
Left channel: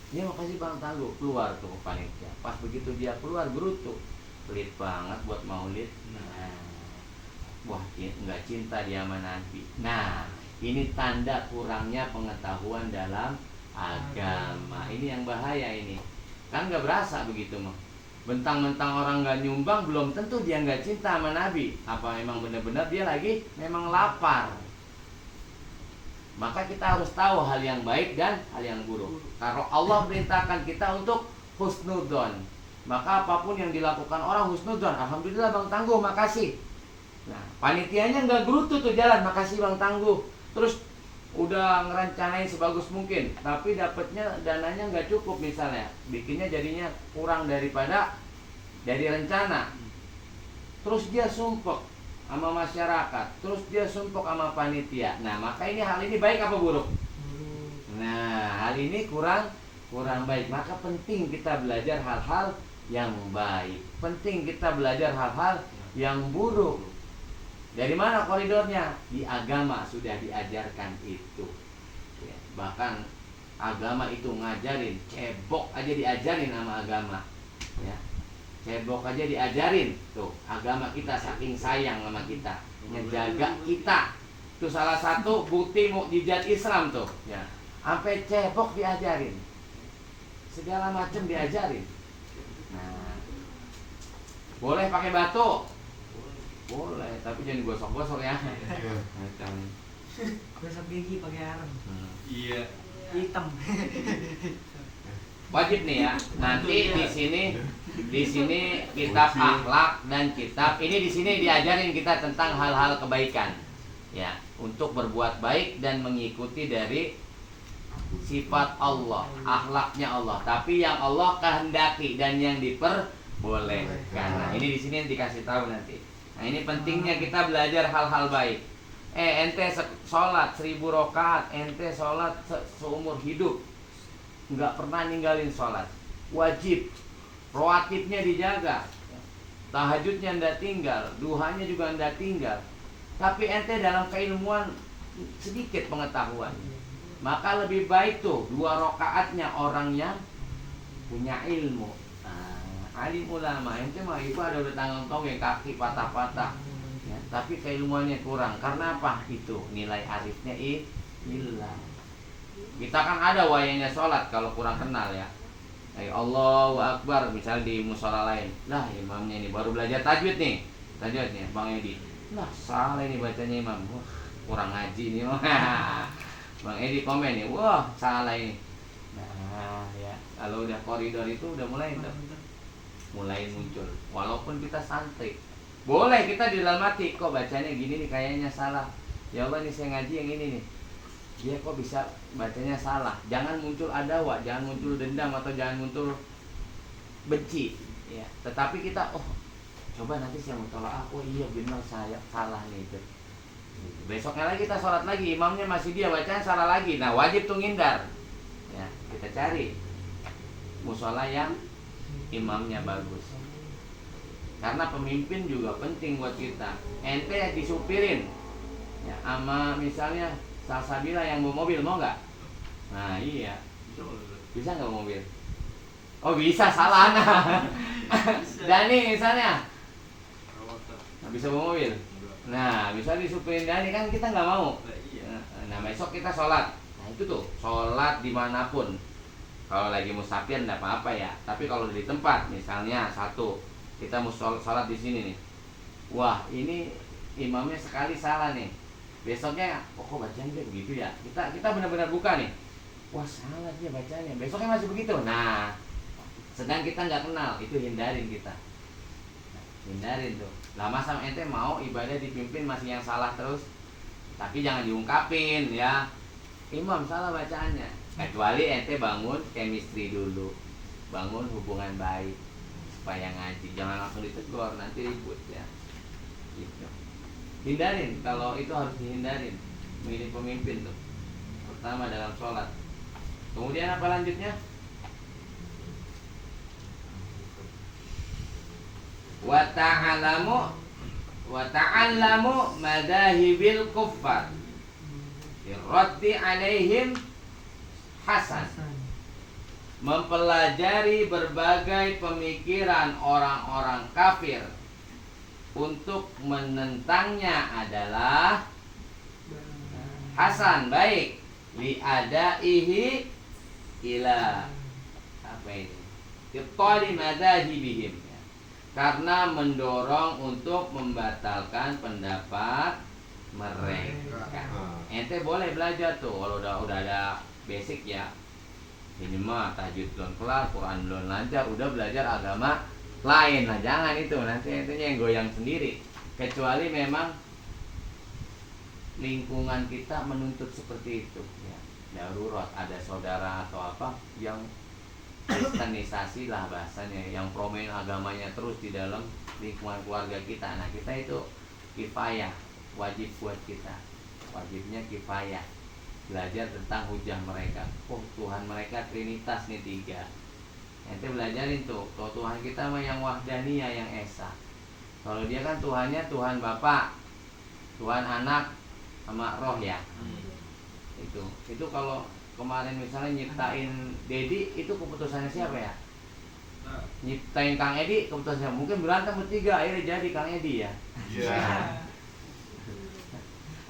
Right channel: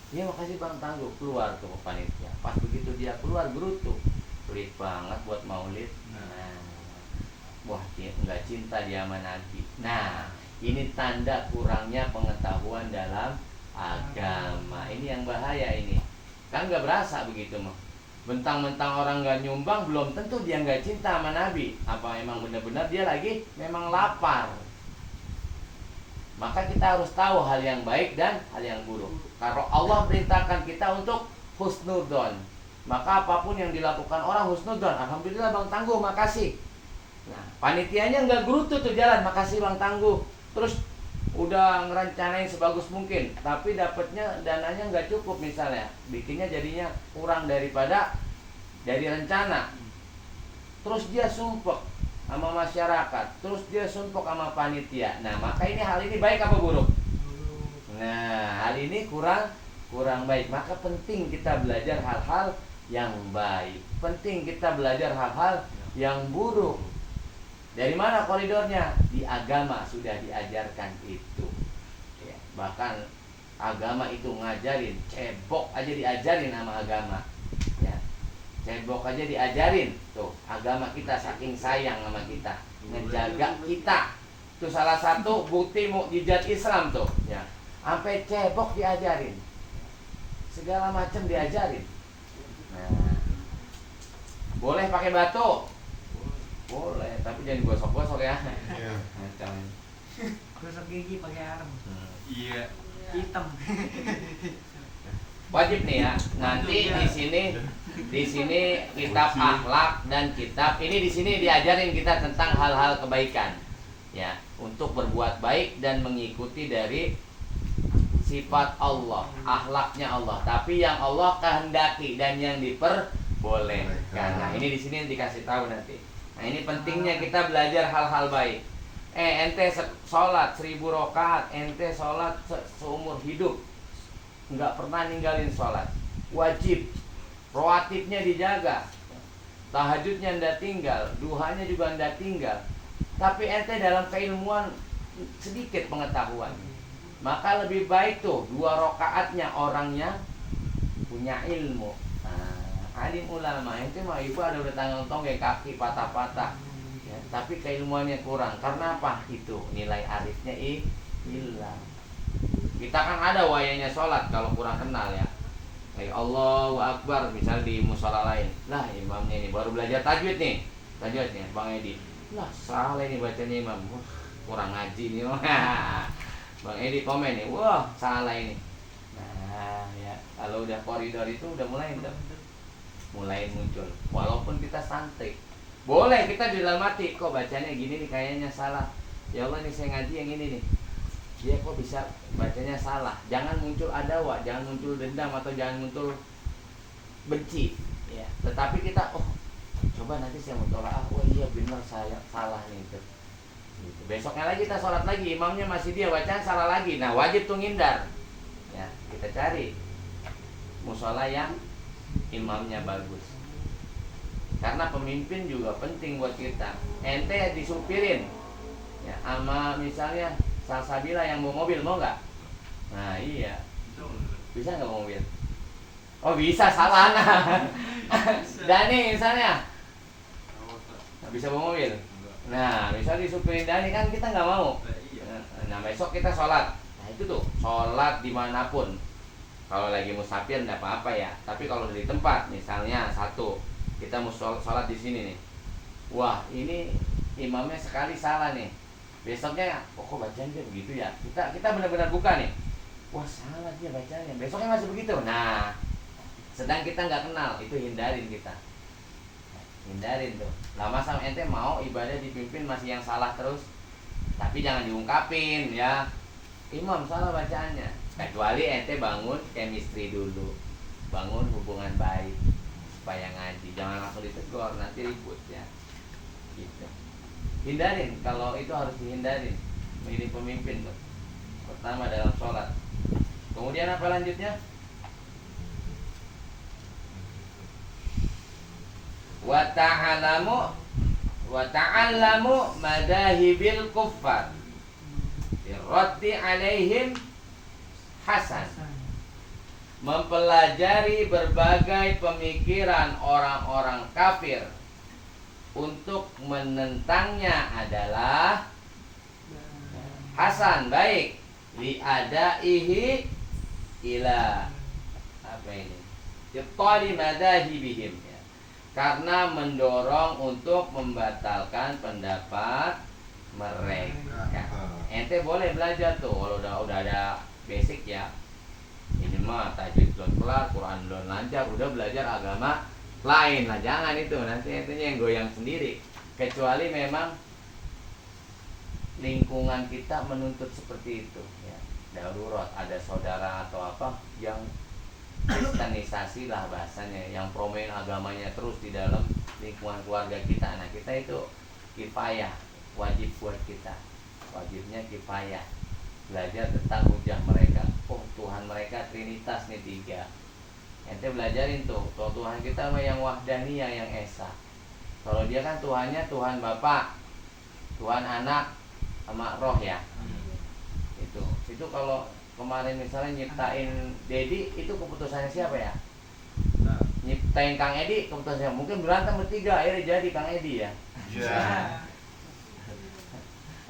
Ya makasih Bang Tangguh, keluar tuh panitia. Pas begitu dia keluar, gerutu, pelit banget buat maulid. Nah, wah nggak cinta dia sama Nabi. Nah, ini tanda kurangnya pengetahuan dalam agama. Ini yang bahaya ini. Kan nggak berasa begitu mah. Bentang-bentang orang nggak nyumbang, belum tentu dia nggak cinta sama Nabi. Apa emang benar-benar dia lagi memang lapar. Maka kita harus tahu hal yang baik dan hal yang buruk. Kalau Allah perintahkan kita untuk husnudon, maka apapun yang dilakukan orang husnudon. Alhamdulillah Bang Tangguh, makasih. Nah, panitianya nggak gerutu tuh jalan, makasih Bang Tangguh. Terus udah ngerencanain sebagus mungkin, tapi dapatnya dananya nggak cukup misalnya, bikinnya jadinya kurang daripada dari rencana. Terus dia sumpek sama masyarakat, terus dia sumpek sama panitia. Nah, maka ini hal ini baik apa buruk? Nah, hal ini kurang baik. Maka penting kita belajar hal-hal yang baik. Penting kita belajar hal-hal yang buruk. Dari mana koridornya? Di agama sudah diajarkan itu ya, bahkan agama itu ngajarin, cebok aja diajarin sama agama ya. Cebok aja diajarin tuh, agama kita saking sayang sama kita, menjaga kita. Itu salah satu bukti mukjizat Islam tuh ya. Sampai cebok diajarin, segala macam diajarin. Nah, boleh pakai batu, boleh, tapi jangan gosok-gosok ya. Macam Gosok gigi pakai arem. Iya. Hitam. wajib nih ya. Nanti di sini kitab akhlak dan kitab ini di sini diajarin kita tentang hal-hal kebaikan. Ya, untuk berbuat baik dan mengikuti dari sifat Allah, akhlaknya Allah. Tapi yang Allah kehendaki dan yang diperbolehkan. Nah, ini di sini dikasih tahu nanti. Nah, ini pentingnya kita belajar hal-hal baik. Ente sholat 1000 rakaat, ente sholat seumur hidup, nggak pernah ninggalin sholat, wajib, rawatibnya dijaga, tahajudnya anda tinggal, duhanya juga anda tinggal, tapi ente dalam keilmuan sedikit pengetahuan, maka lebih baik tuh 2 rakaatnya orang yang punya ilmu. Alim ulama ente mah ibu ada udah tanggung ya kaki patah-patah ya, tapi keilmuannya kurang. Karena apa? Itu nilai arifnya hilang. Kita kan ada wayanya sholat kalau kurang kenal ya. Allahu Akbar misal di musola lain. Lah imamnya ini baru belajar tajwid nih. Tajwidnya Bang Edi. Lah salah ini bacanya imam. Kurang ngaji nih. Bang Edi komen nih. Wah, salah ini. Nah, ya kalau udah koridor itu udah mulai muncul. Walaupun kita santai. Boleh kita di dalam hati kok bacanya gini nih kayaknya salah. Ya Allah nih saya ngaji yang ini nih. Dia kok bisa bacanya salah. Jangan muncul adawa, jangan muncul dendam atau jangan muncul benci ya. Tetapi kita coba nanti saya mutolaah, iya benar saya salah nih itu. Gitu. Besoknya lagi kita sholat lagi, imamnya masih dia bacaan salah lagi. Nah, wajib tuh ngindar. Ya, kita cari musola yang imamnya bagus. Karena pemimpin juga penting buat kita. Ente disupirin ya sama misalnya Salsabila yang bawa mobil, mau nggak? Nah iya, bisa nggak bawa mobil? Oh bisa, salah nah. Dani misalnya nggak bisa bawa mobil. Nah misalnya disupirin Dani kan kita nggak mau. Nah besok kita sholat. Nah itu tuh sholat dimanapun. Kalau lagi musafir nggak apa-apa ya. Tapi kalau di tempat misalnya satu kita mau sholat di sini nih. Wah ini imamnya sekali salah nih. Besoknya kok bacanya begitu ya. Kita benar-benar buka nih. Wah salah dia bacanya. Besoknya masih begitu. Nah sedang kita nggak kenal, itu hindarin kita. Hindarin tuh. Lama sama ente mau ibadah dipimpin masih yang salah terus. Tapi jangan diungkapin ya. Imam salah bacaannya. Kecuali ente bangun chemistry dulu. Bangun hubungan baik supaya ngaji. Jangan langsung ditegur, nanti ribut ya. Gitu. Hindarin, kalau itu harus dihindarin. Milih pemimpin tuh. Pertama dalam sholat. Kemudian apa lanjutnya? Wa ta'allamu madahibil kuffar raddi alaihim hasan. Mempelajari berbagai pemikiran orang-orang kafir untuk menentangnya adalah hasan, baik. Li'adaihi ila apa ini? Ibtali madahibihim ya. Karena mendorong untuk membatalkan pendapat mereka. Ente boleh belajar tuh kalau udah ada basic ya. Ini mah tajwid belum kelar, Quran belum lancar, udah belajar agama lain lah, jangan itu nanti intinya yang goyang sendiri. Kecuali memang lingkungan kita menuntut seperti itu ya. Darurat ada saudara atau apa yang kristenisasi lah bahasanya, yang promen agamanya terus di dalam lingkungan keluarga kita. Nah kita itu kifayah, wajib buat kita, wajibnya kifayah belajar tentang hujah mereka. Oh Tuhan mereka Trinitas nih 3. Ente belajarin tuh, kalau Tuhan kita mah yang wahdaniyah, yang esa. Kalau dia kan Tuhannya Tuhan Bapa, Tuhan Anak, sama Roh ya. Itu kalau kemarin misalnya nyiptain Dedi, itu keputusannya siapa ya? Nyiptain Kang Edi, keputusannya mungkin berantem bertiga, akhirnya jadi Kang Edi ya.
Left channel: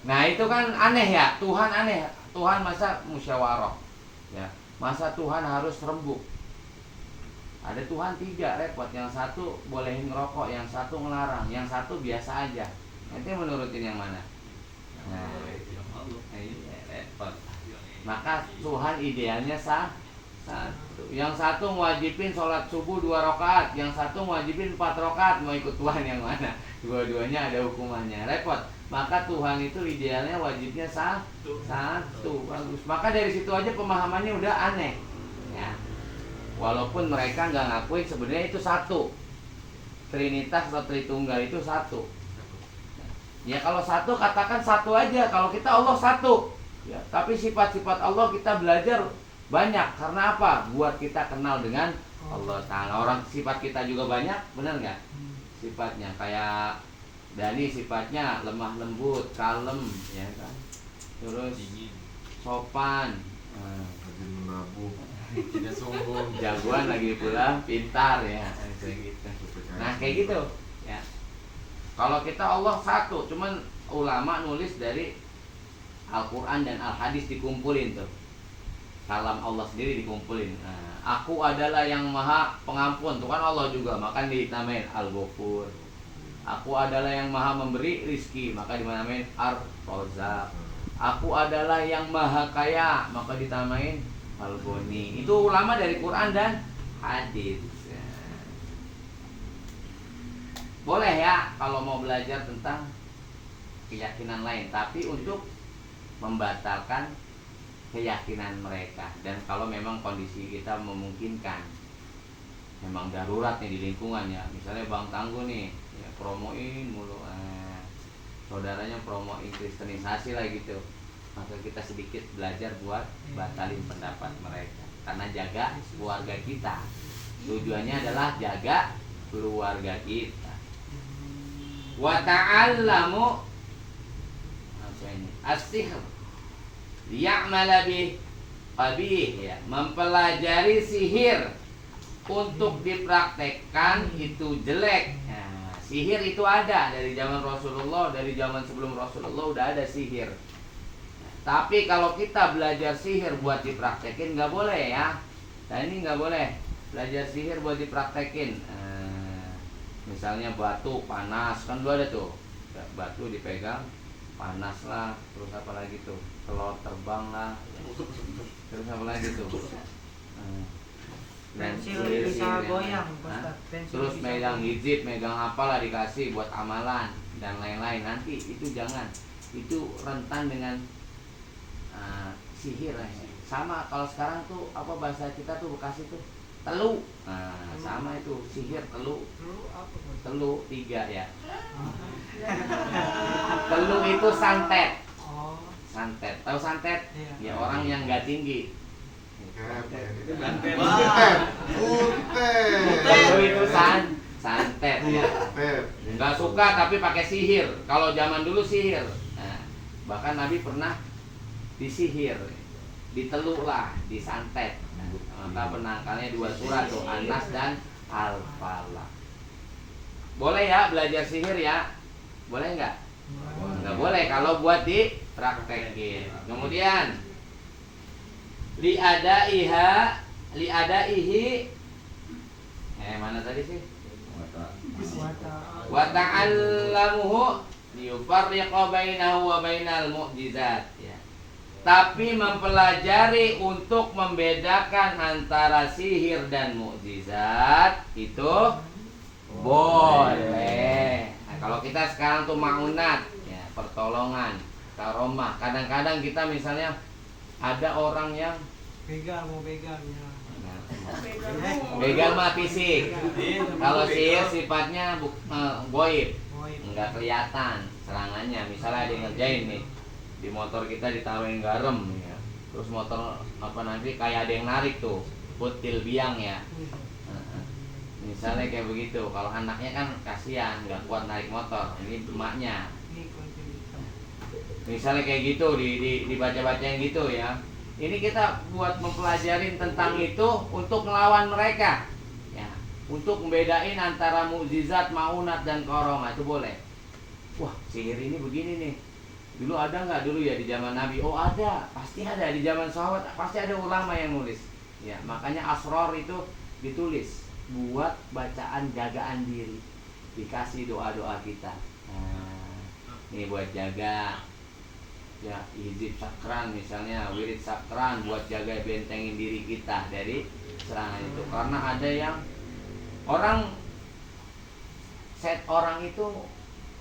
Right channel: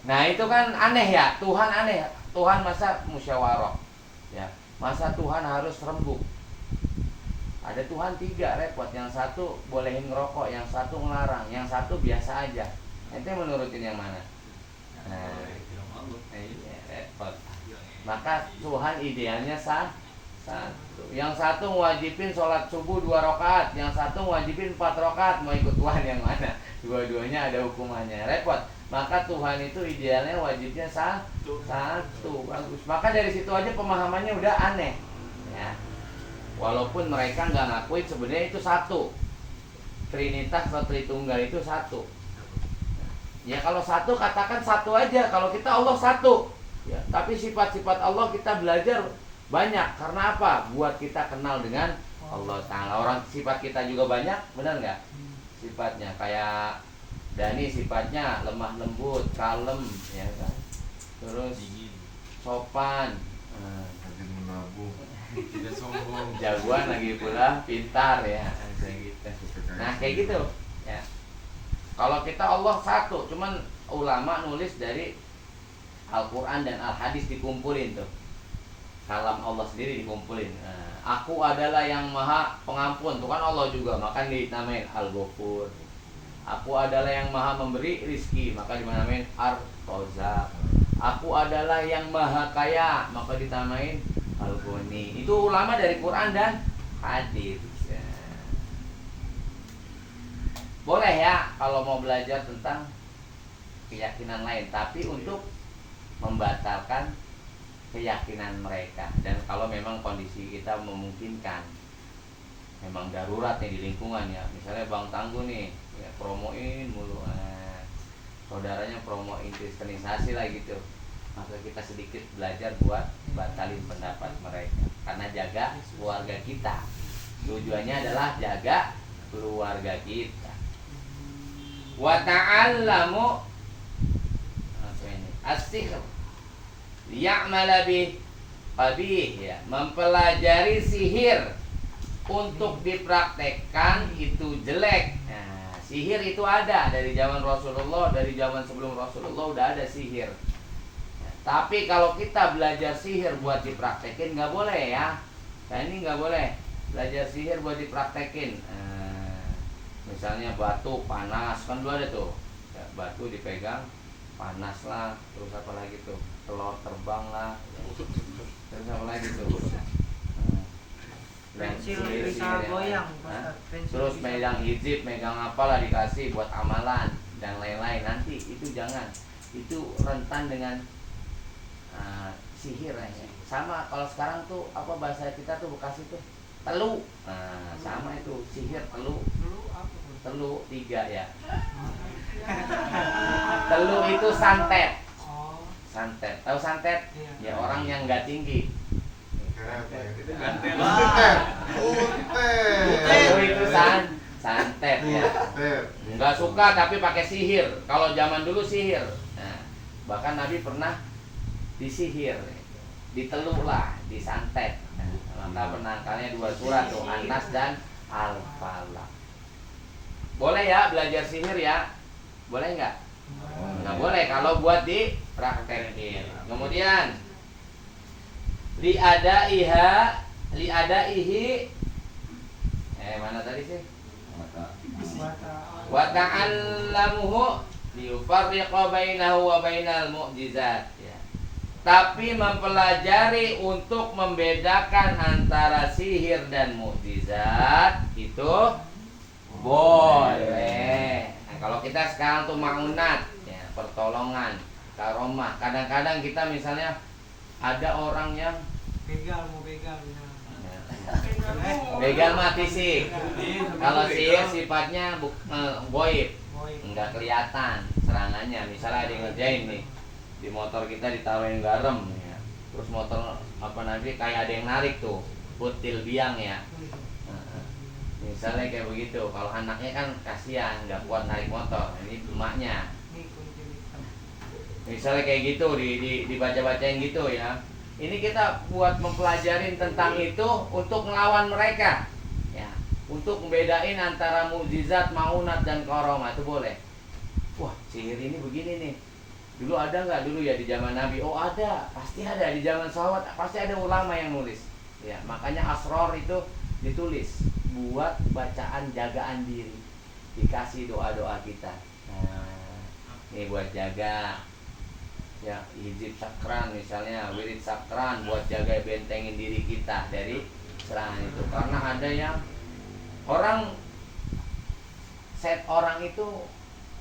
Nah itu kan aneh ya, Tuhan aneh. Tuhan masa musyawarah ya, masa Tuhan harus rembuk. Ada Tuhan 3 repot, yang satu bolehin ngerokok, yang satu ngelarang, yang satu biasa aja. Ente menurutin yang mana? Nah, iya, repot. Maka Tuhan idealnya satu. Yang satu wajibin sholat subuh 2 rakaat, yang satu wajibin 4 rakaat. Mau ikut Tuhan yang mana? Dua-duanya ada hukumannya, repot. Maka Tuhan itu idealnya wajibnya satu. Bagus. Maka dari situ aja pemahamannya udah aneh ya. Walaupun mereka nggak ngakuin sebenarnya itu satu. Trinitas atau Tritunggal itu satu. Ya kalau satu katakan satu aja. Kalau kita Allah satu ya. Tapi sifat-sifat Allah kita belajar banyak. Karena apa? Buat kita kenal dengan Allah Ta'ala. Orang sifat kita juga banyak, benar nggak? Sifatnya kayak Dani sifatnya lemah lembut, kalem ya kan. Terus sopan, Rajin menabung, tidak sombong. jagoan lagi pula pintar ya, kayak gitu. Nah kayak gitu ya. Kalau kita Allah satu, cuman ulama nulis dari Al-Quran dan Al-Hadis dikumpulin tuh. Kalam Allah sendiri dikumpulin. Nah, aku adalah yang maha pengampun, tuh kan Allah juga, maka dinamain Al-Ghafur. Aku adalah yang maha memberi rizki, maka dinamain Ar-Razzaq. Aku adalah yang maha kaya, maka dinamain Al-Ghani. Itu ulama dari Quran dan Hadis. Boleh ya kalau mau belajar tentang keyakinan lain, tapi untuk membatalkan keyakinan mereka. Dan kalau memang kondisi kita memungkinkan, memang darurat nih di lingkungan ya, misalnya Bang Tangguh nih ya promoin mulu, saudaranya promoin kristenisasi lah gitu, maka kita sedikit belajar buat batalin pendapat mereka, karena jaga keluarga kita. Tujuannya adalah jaga keluarga kita. Wa ta'allamu as-sihr liya'mala bih qabih, ya, mempelajari sihir untuk dipraktekkan itu jelek. Nah, sihir itu ada dari zaman Rasulullah, dari zaman sebelum Rasulullah udah ada sihir. Nah, tapi kalau kita belajar sihir buat dipraktekin nggak boleh ya. Nah, ini nggak boleh belajar sihir buat dipraktekin. Misalnya batu panas, kan dulu ada tuh ya, batu dipegang panas lah, terus apa lagi tuh, telur terbang lah, terus apa lagi tuh, dan Pensil sihir bisa yang- goyang, Hah? Ustaz. Pensil Terus bisa megang goyang. hijab, megang apalah dikasih buat amalan dan lain-lain. Nanti itu jangan, itu rentan dengan sihir ya. Sama kalau sekarang tuh apa bahasa kita tuh Bekasi tuh telu, nah sama itu sihir telu. Dulu apa, Bos? Telu 3 ya. Telu itu santet. Oh, Santet. Tahu santet? iya. Ya orang yang nggak tinggi. Itu Wah. Telu itu santet ya. Butet. Nggak suka tapi pakai sihir. Kalau zaman dulu sihir. Nah, bahkan Nabi pernah disihir, ditelu lah, disantet. Nah, maka penangkalnya 2 surat tuh, An-Nas dan Al-Falaq. Boleh ya belajar sihir ya? Boleh nggak? Nggak boleh kalau buat dipraktekin. Kemudian liadaihi mana tadi sih? Wa ta'allamuhu liyufarriqa bainahu wa bainal mu'jizat ya. Tapi mempelajari untuk membedakan antara sihir dan mukjizat itu boleh. Nah, kalau kita sekarang tuh maunat ya, pertolongan, karomah. Kadang-kadang kita misalnya ada orang yang Mau begal misalnya. begal mah fisik. Kalau sihir sifatnya goib, Goib. nggak kelihatan serangannya. Misalnya ada yang ngerjain nih di motor kita ditaruhin garam ya. Terus motor apa nanti kayak ada yang narik tuh, putil biang ya. Misalnya kayak begitu. Kalau anaknya kan kasihan, nggak kuat narik motor. Ini emaknya. Ini kunci hitam. Misalnya kayak gitu dibaca-bacain gitu ya. Ini kita buat mempelajarin tentang itu untuk melawan mereka. Ya, untuk membedain antara mukjizat, maunat dan karomah itu boleh. Wah, sihir ini begini nih. Dulu ada nggak dulu ya di zaman Nabi? Oh ada, pasti ada di zaman sahabat. Pasti ada ulama yang nulis. Ya, makanya asror itu ditulis buat bacaan jagaan diri. Dikasih doa-doa kita. Nah, ini buat jaga. Ya, hizib sakran misalnya, wirid sakran buat jaga bentengin diri kita dari serangan itu. Karena ada yang orang itu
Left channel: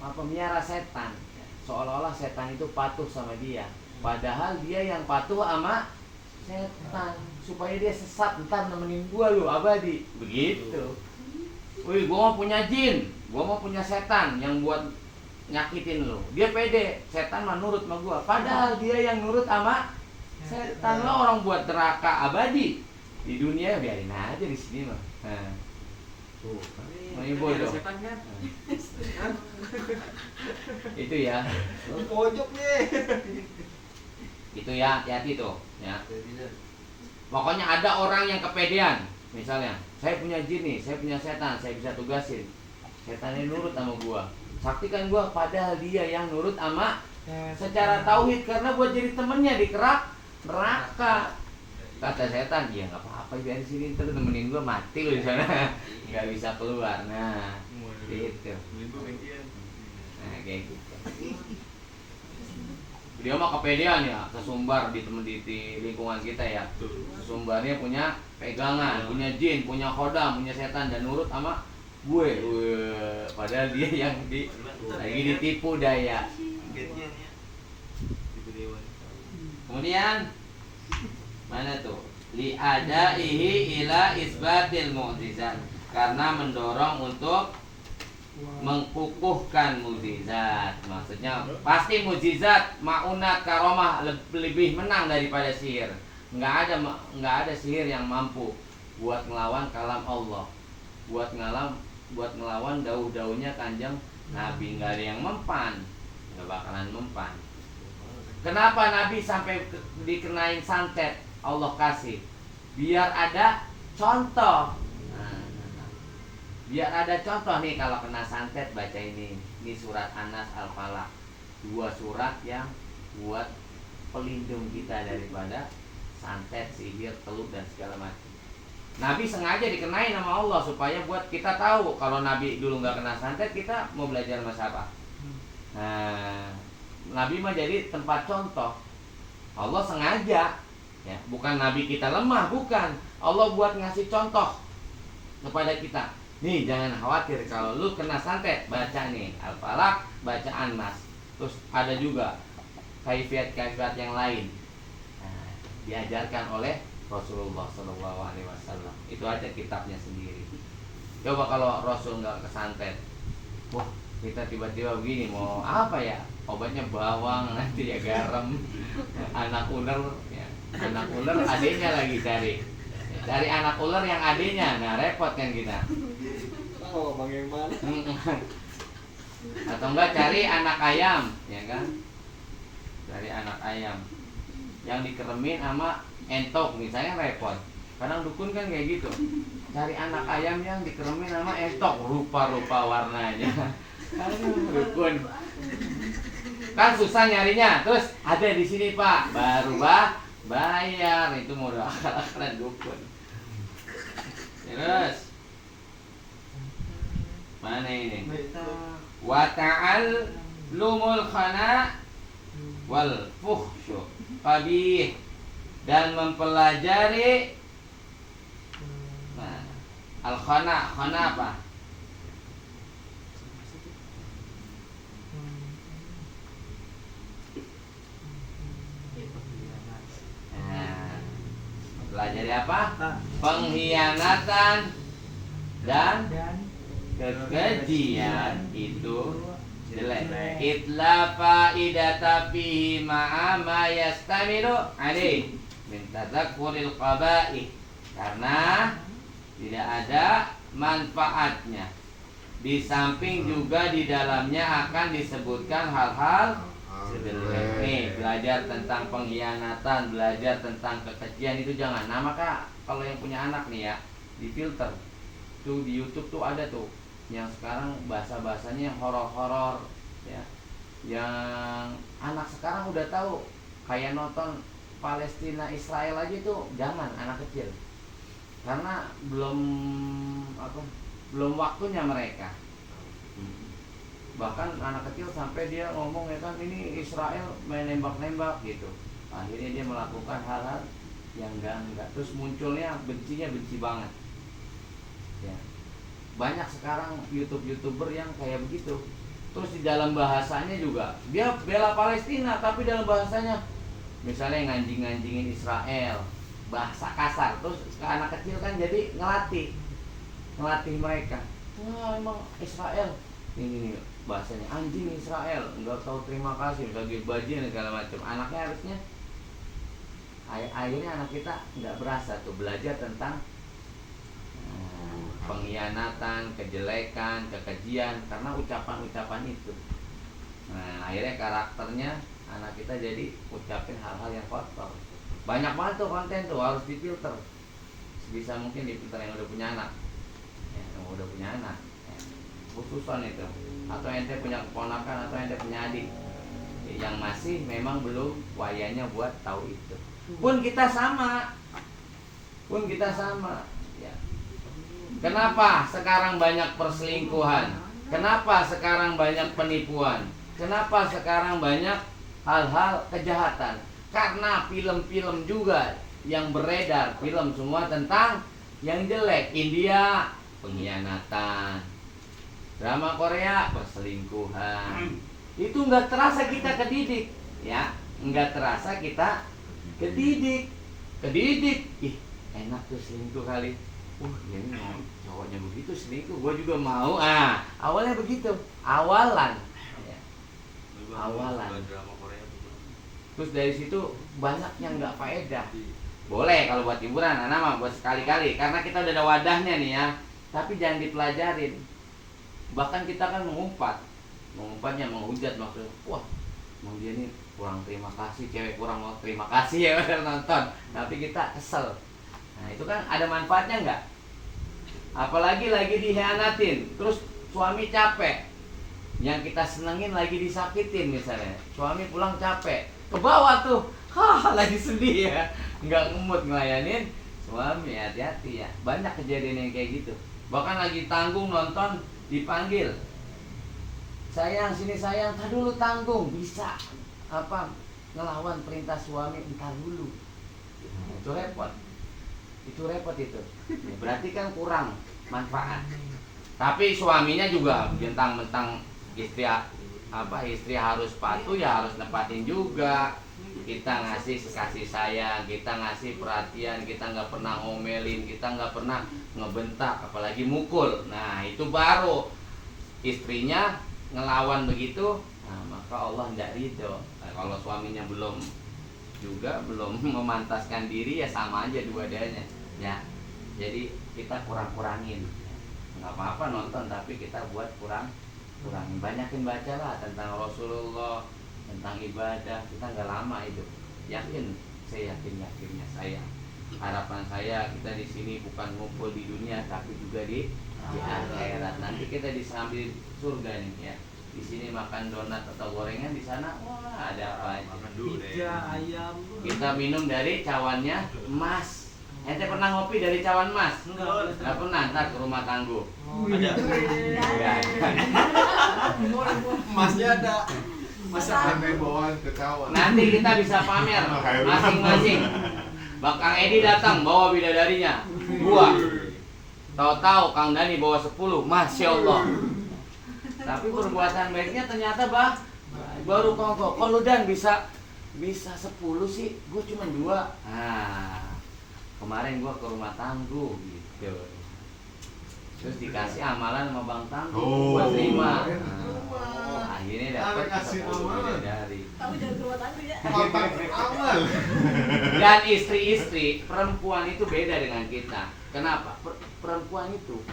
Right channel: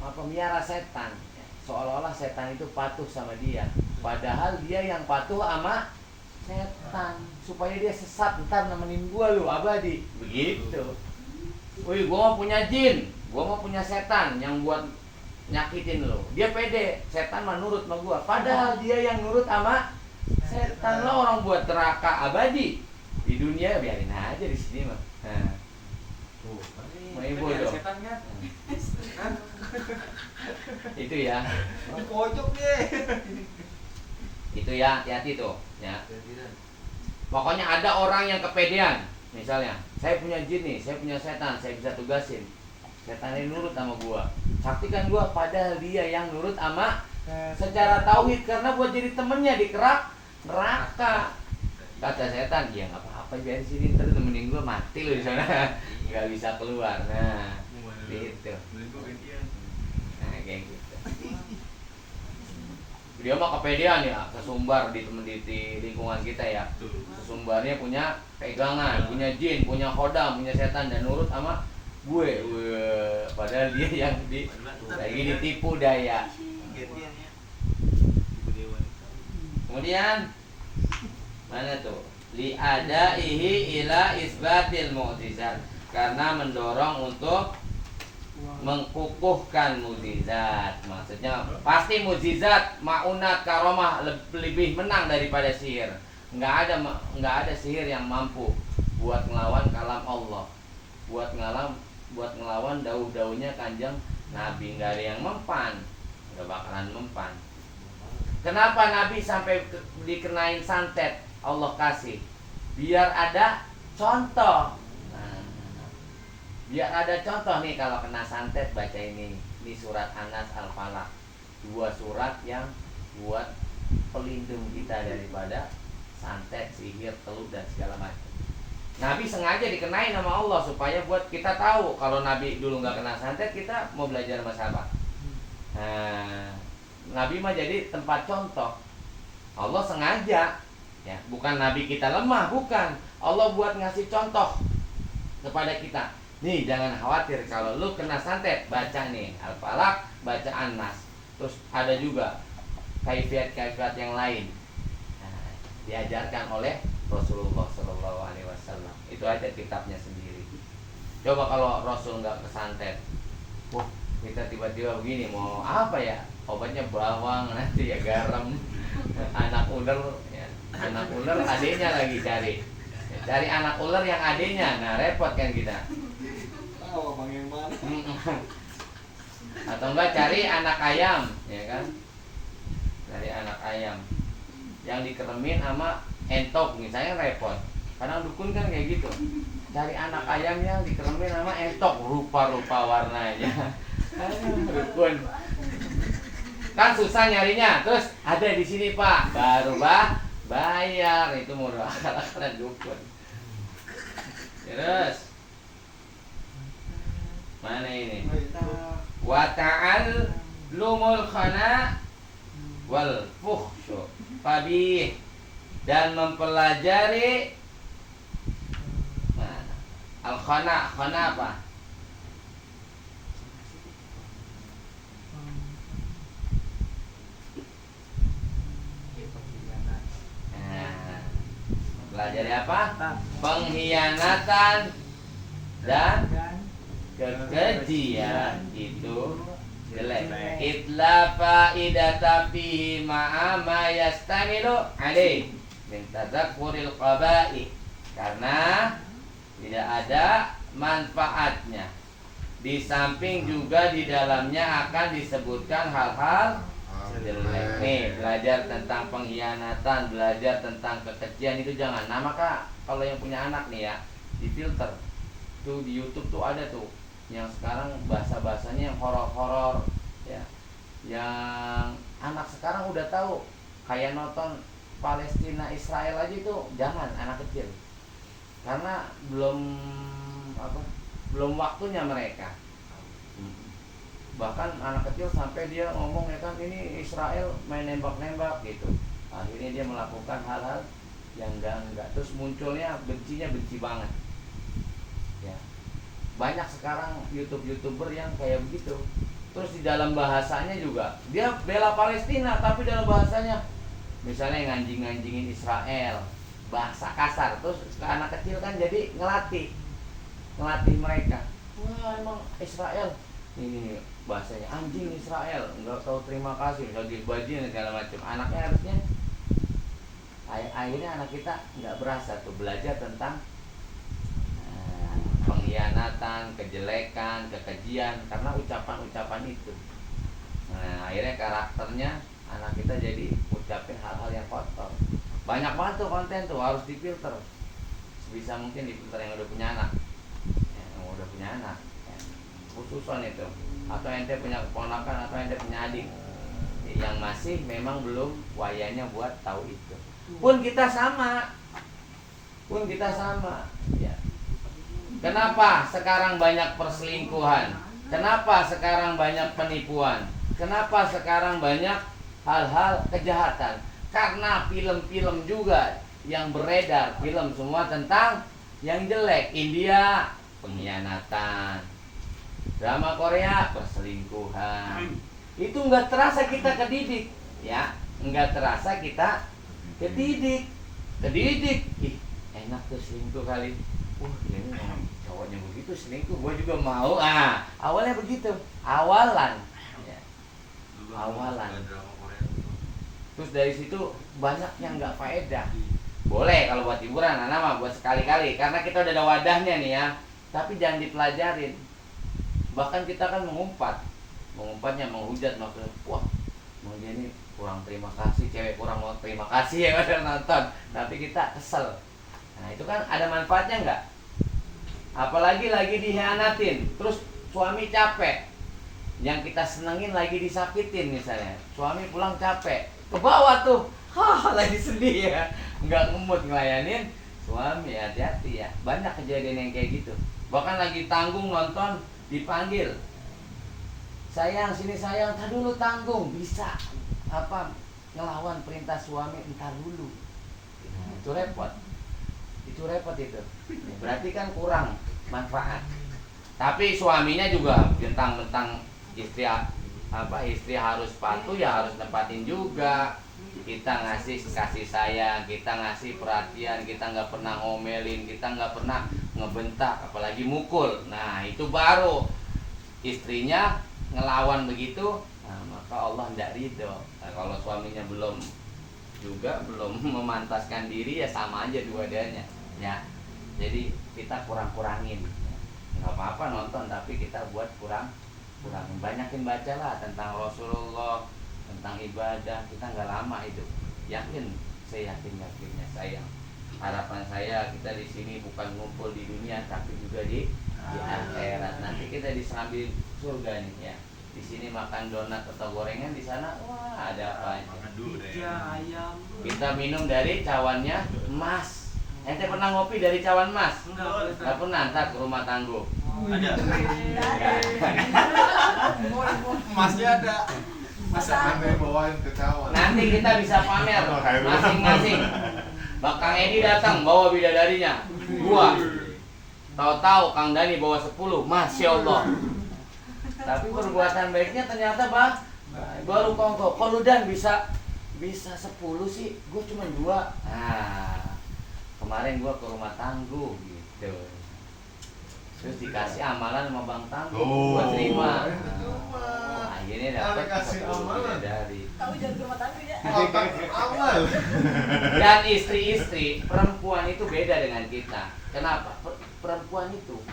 apa miara setan. Seolah-olah setan itu patuh sama dia, padahal dia yang patuh sama setan supaya dia sesat, ntar nemenin gua lu abadi begitu. Wih, gua mau punya jin, gua mau punya setan yang buat nyakitin lu. Dia pede, setan mah nurut sama gua, padahal dia yang nurut sama setan. Lo orang buat neraka abadi di dunia, biarin aja di sini mah. Nah, Ini ibu ada dong. setan kan? Itu ya. Di pojok nih. Itu ya, hati-hati tuh ya. Jadi kan Pokoknya ada orang yang kepedean. Misalnya, saya punya jin nih, saya punya setan, saya bisa tugasin. Setannya nurut sama gua. Saktikan gua, padahal dia yang nurut sama secara tauhid, karena buat jadi temennya di kerak neraka. Kata setan, ya nggak apa-apa, biar sini ntar temenin gua mati lu di sana, nggak bisa keluar. Nah, gitu. Nah, kayak gitu. Dia mah kepedean ya, sesumbar di temen di lingkungan kita ya. Sesumbarnya punya pegangan, punya jin, punya khodam, punya setan, dan nurut sama gue. Padahal dia yang lagi ditipu daya. Kemudian mana tuh? Li'adaihi ila isbatil mu'jizat, karena mendorong untuk mengkukuhkan mukjizat. Maksudnya pasti mukjizat, maunat, karomah lebih menang daripada sihir. Nggak ada sihir yang mampu buat ngelawan kalam Allah, buat ngelawan dauh-dauhnya Kanjeng Nabi. Nggak ada yang mempan, nggak bakalan mempan. Kenapa Nabi sampai dikenain santet? Allah kasih biar ada contoh. Biar ada contoh nih, kalau kena santet baca ini surat An-Nas, Al-Falaq. 2 surat yang buat pelindung kita daripada santet, sihir, teluh, dan segala macam. Nabi sengaja dikenain sama Allah supaya buat kita tahu. Kalau Nabi dulu nggak kena santet, kita mau belajar sama siapa? Nah, Nabi mah jadi tempat contoh. Allah sengaja ya, bukan Nabi kita lemah, bukan. Allah buat ngasih contoh kepada kita. Nih, jangan khawatir kalau lu kena santet, baca nih Al-Falaq, baca An-Nas. Terus ada juga kaifiat-kaifiat yang lain. Nah, diajarkan oleh Rasulullah SAW. Itu aja kitabnya sendiri. Coba kalau Rasul nggak kesantet, wah, kita tiba-tiba begini, mau apa ya? Obatnya bawang, nanti ya garam, anak ular, ya. Anak ular adenya lagi cari. Cari anak ular yang adenya, nah repot kan kita. Tahu abang yang mana? Atau enggak cari anak ayam, ya kan? Cari anak ayam yang dikeremin sama entok, misalnya repot. Kadang dukun kan kayak gitu. Cari anak ayam yang dikeremin sama entok, rupa-rupa warnanya. Dukun. Kan susah nyarinya. Terus ada di sini, Pak. Baru bayar. Itu modal akal-akalan dukun. Terus mana ini? Wa ta'al lumul khana wal fuhsyu qabih, dan mempelajari al khana. Khana apa? Pelajari apa? Pengkhianatan dan kekejian itu jelek. Itla faidata fihi ma'a ma yastamilu alaih min tadzakuril qaba'i, karena tidak ada manfaatnya. Di samping juga di dalamnya akan disebutkan hal-hal jelek. Nih, belajar tentang pengkhianatan, belajar tentang kekejian itu jangan. Nah, maka kalau yang punya anak nih ya, difilter. Tuh di YouTube tuh ada tuh yang sekarang bahasa-bahasanya horor-horor ya. Yang anak sekarang udah tahu, kayak nonton Palestina Israel aja tuh jangan anak kecil. Karena belum waktunya mereka. Bahkan anak kecil sampai dia ngomong ya kan, ini Israel main nembak-nembak gitu. Akhirnya dia melakukan hal-hal yang enggak. Terus munculnya benci banget. Ya. Banyak sekarang YouTuber yang kayak begitu. Terus di dalam bahasanya juga dia bela Palestina, tapi dalam bahasanya misalnya nganjing-nganjingin Israel, bahasa kasar. Terus ke anak kecil kan jadi ngelatih mereka. Wah, emang Israel ini bahasanya anjing Israel, nggak tahu terima kasih, bagi bajingan segala macam. Anaknya harusnya akhirnya anak kita nggak berasa tuh belajar tentang pengkhianatan, kejelekan, kekejian karena ucapan-ucapan itu. Nah, akhirnya karakternya anak kita jadi ucapin hal-hal yang kotor. Banyak banget tuh konten tuh harus difilter. Bisa mungkin difilter yang udah punya anak, ya, yang udah punya anak, ya. Khususan itu. Atau ente punya keponakan atau ente punya adik yang masih memang belum wayanya buat tahu itu. Pun kita sama, ya. Kenapa sekarang banyak perselingkuhan? Kenapa sekarang banyak penipuan? Kenapa sekarang banyak hal-hal kejahatan? Karena film-film juga yang beredar, film semua tentang yang jelek. India pengkhianatan, drama Korea perselingkuhan. Itu nggak terasa kita kedidik, ya, nggak terasa kita kedidik. Ih, enak tuh selingkuh kali. Ini cowoknya begitu selingkuh, gua juga mau. Awalnya begitu, awalan, ya. Awalan. Terus dari situ banyak yang nggak faedah. Boleh kalau buat hiburan, anak mah buat sekali-kali, karena kita udah ada wadahnya nih ya. Tapi jangan dipelajarin. Bahkan kita kan mengumpatnya menghujat maksudnya. Wah, mau dia nih kurang terima kasih, cewek kurang mau terima kasih ya udah nonton. Tapi kita kesel. Nah itu kan ada manfaatnya nggak? Apalagi lagi dikhianatin, terus suami capek, yang kita senengin lagi disakitin misalnya, suami pulang capek, ke bawah tuh, lagi sedih ya, nggak ngemut ngelayanin suami. Hati-hati ya, banyak kejadian yang kayak gitu. Bahkan lagi tanggung nonton dipanggil, sayang sini sayang, entar dulu tanggung, bisa apa ngelawan perintah suami, entar dulu. Itu repot. Itu berarti kan kurang manfaat. Tapi suaminya juga bentang-bentang istri harus patuh, ya harus nepatin juga. Kita ngasih kasih sayang, kita ngasih perhatian, kita nggak pernah ngomelin, kita nggak pernah ngebentak, apalagi mukul. Nah itu baru istrinya ngelawan begitu, nah, maka Allah tidak ridho. Nah, kalau suaminya belum memantaskan diri, ya sama aja dua-duanya ya. Jadi kita kurangin, nggak apa-apa nonton, tapi kita buat kurangin. Banyakin bacalah tentang Rasulullah, tentang ibadah. Kita nggak lama hidup, saya yakinnya saya, harapan saya kita di sini bukan ngumpul di dunia, tapi juga di akhirat. Nanti kita disambil surga nih ya. Di sini makan donat atau gorengan, di sana wah ada apa aja. Kita minum dari cawannya emas. Ente pernah ngopi dari cawan emas? Enggak pernah. Ntar ke rumah Tangguh. Ada. Emasnya ada. Masa anda bawain ke cawan? Nanti kita bisa pamer masing-masing. Kang Edi datang bawa bidadarinya 2. Tahu-tahu Kang Dani bawa 10. Masya Allah. Tapi perbuatan baiknya ternyata baru kongko. Kalau Dan bisa 10 sih, gue cuma 2. Kemarin gua ke rumah Tangguh gitu. Terus dikasih amalan sama Bang Tangguh, gua terima. Akhirnya dapat kasih amalan dari. Tahu jangan ke rumah Tangguh ya. Awal. Dan istri-istri perempuan itu beda dengan kita. Kenapa? Perempuan itu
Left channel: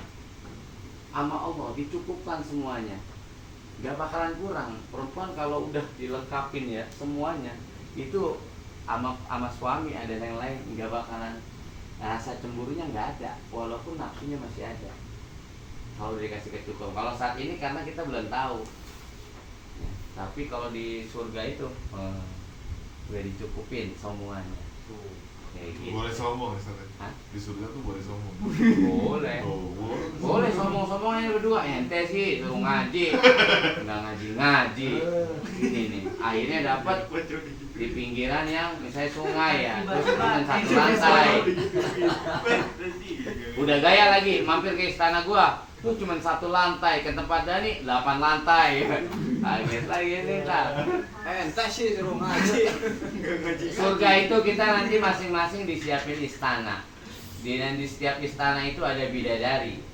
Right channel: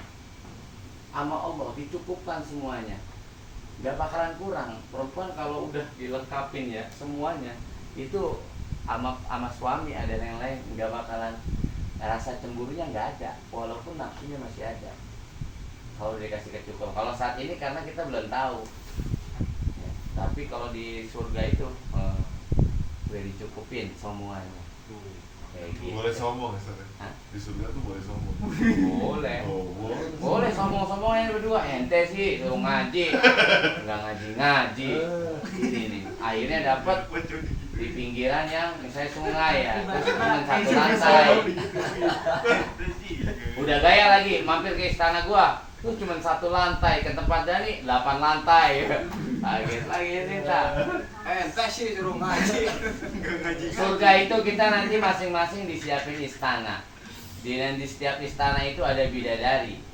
sama Allah dicukupkan semuanya, gak bakalan kurang. Perempuan kalau udah dilengkapin ya semuanya, itu sama suami ada yang lain, nggak bakalan rasa cemburunya nggak ada, walaupun nafsunya masih ada. Kalau dikasih kecukupan. Kalau saat ini karena kita belum tahu. Ya, tapi kalau di surga itu udah dicukupin semuanya. Kayak gitu. Boleh sombong ya, Ustaz? Hah? Di surga tuh boleh sombong. Boleh. Boleh sombong-sombongnya berdua. Ente sih suruh ngaji, nggak ngaji. Ini nih, akhirnya dapat di pinggiran yang misalnya sungai ya, terus cuma 1 lantai. Udah gaya lagi, mampir ke istana gua, tuh cuma 1 lantai, ke tempat Dani 8 lantai. Kaget lagi nih tak. Ente sih suruh ngaji. Surga itu kita nanti masing-masing disiapin istana. Di setiap istana itu ada bidadari.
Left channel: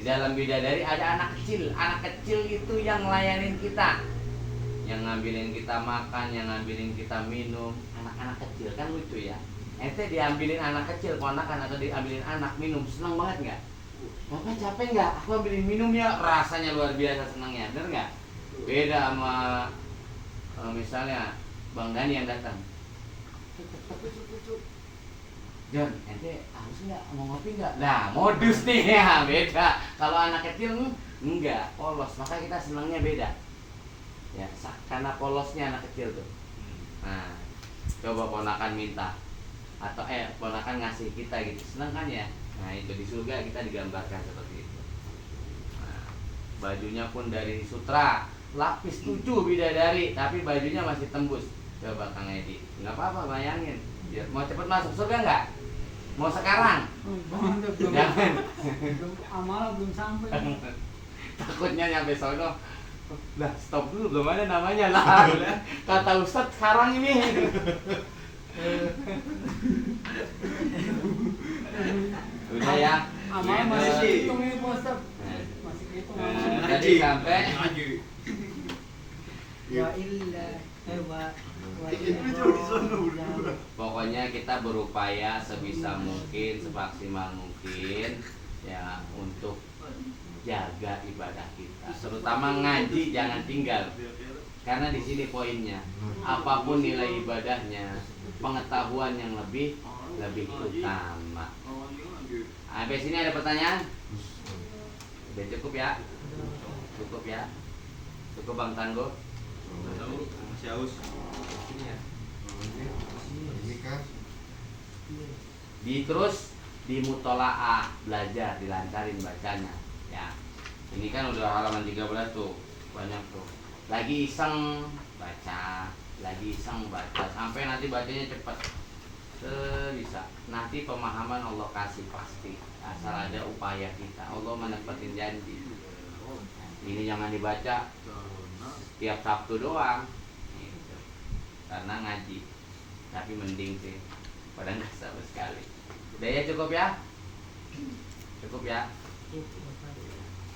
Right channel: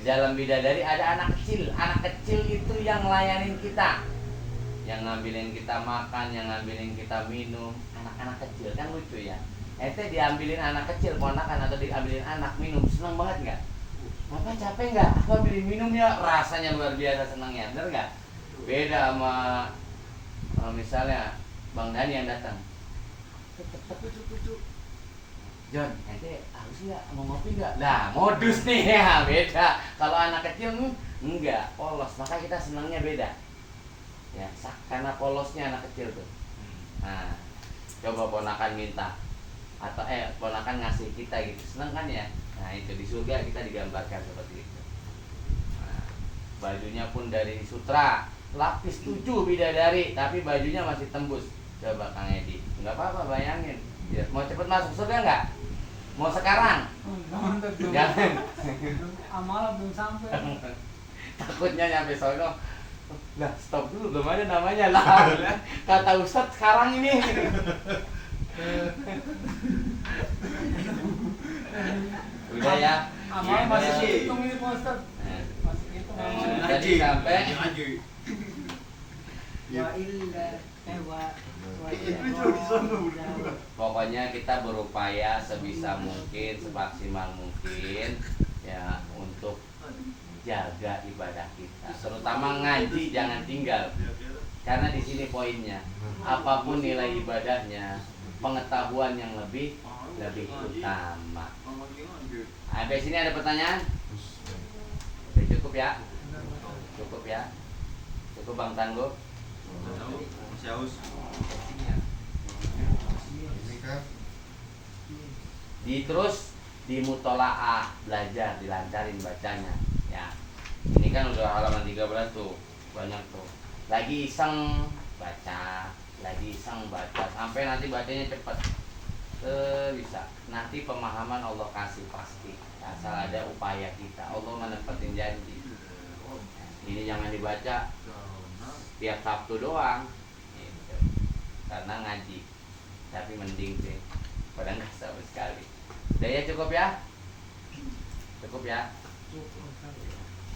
Di dalam bidadari ada anak kecil. Anak kecil itu yang ngelayanin kita, yang ngambilin kita makan, yang ngambilin kita minum. Anak-anak kecil kan lucu ya. Ente diambilin anak kecil, ponakan atau diambilin anak minum, seneng banget nggak? Bapak capek nggak? Aku ambilin minum ya, rasanya luar biasa senangnya, bener nggak? Beda sama misalnya Bang Dani yang datang. John, ente harus nggak mau ngopi nggak? Nah, modus nih ya beda. Kalau anak kecil enggak polos, maka kita senangnya beda. Ya, karena polosnya anak kecil tuh. Nah, coba ponakan minta atau ponakan ngasih kita gitu, seneng kan ya? Nah itu di surga kita digambarkan seperti itu. Nah, bajunya pun dari sutra, lapis 7 bidadari, tapi bajunya masih tembus. Coba Kang Edi, nggak apa-apa bayangin. Dia mau cepet masuk surga nggak? Mau sekarang? Jangan. Amal belum sampai. Takutnya nyampe sono. Lah stop dulu, belum ada namanya lah. Kata Ustadz sekarang ini. Udah ya. Amal masih Nah, dihitung ini Pak Ustaz. Masih dihitung amal. Tadi sampai Wa illa wa pokoknya kita berupaya sebisa mungkin, semaksimal mungkin ya untuk jaga ibadah kita. Terutama ngaji jangan tinggal. Karena di sini poinnya. Apapun nilai ibadahnya, pengetahuan yang lebih utama. Sampai sini ada pertanyaan? Udah cukup ya? Cukup ya? Cukup Bang Tangguh? Masih haus. Ini kan Terus di mutolaah belajar, dilancarin bacanya ya. Ini kan udah halaman 13 tuh, banyak tuh. Lagi iseng baca, sampai nanti bacanya cepat. Bisa. Nanti pemahaman Allah kasih pasti. Asal ada upaya kita. Allah menepatin janji. Ini jangan dibaca tiap Sabtu doang. Gitu. Karena ngaji. Tapi mending sih. Padahal nggak sama sekali. Udah ya, cukup ya? Cukup ya?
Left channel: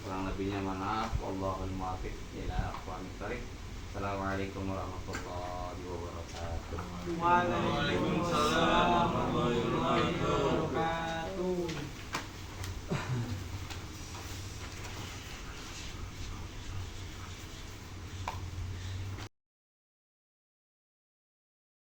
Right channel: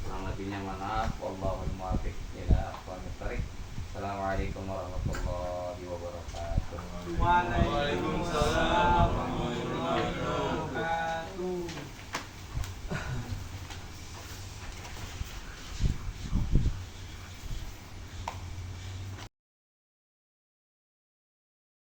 Kurang lebihnya maaf. Wallahul muwaffiq ila aqwamit thoriq. Assalamualaikum warahmatullahi wabarakatuh. Waalaikumsalam warahmatullahi wabarakatuh.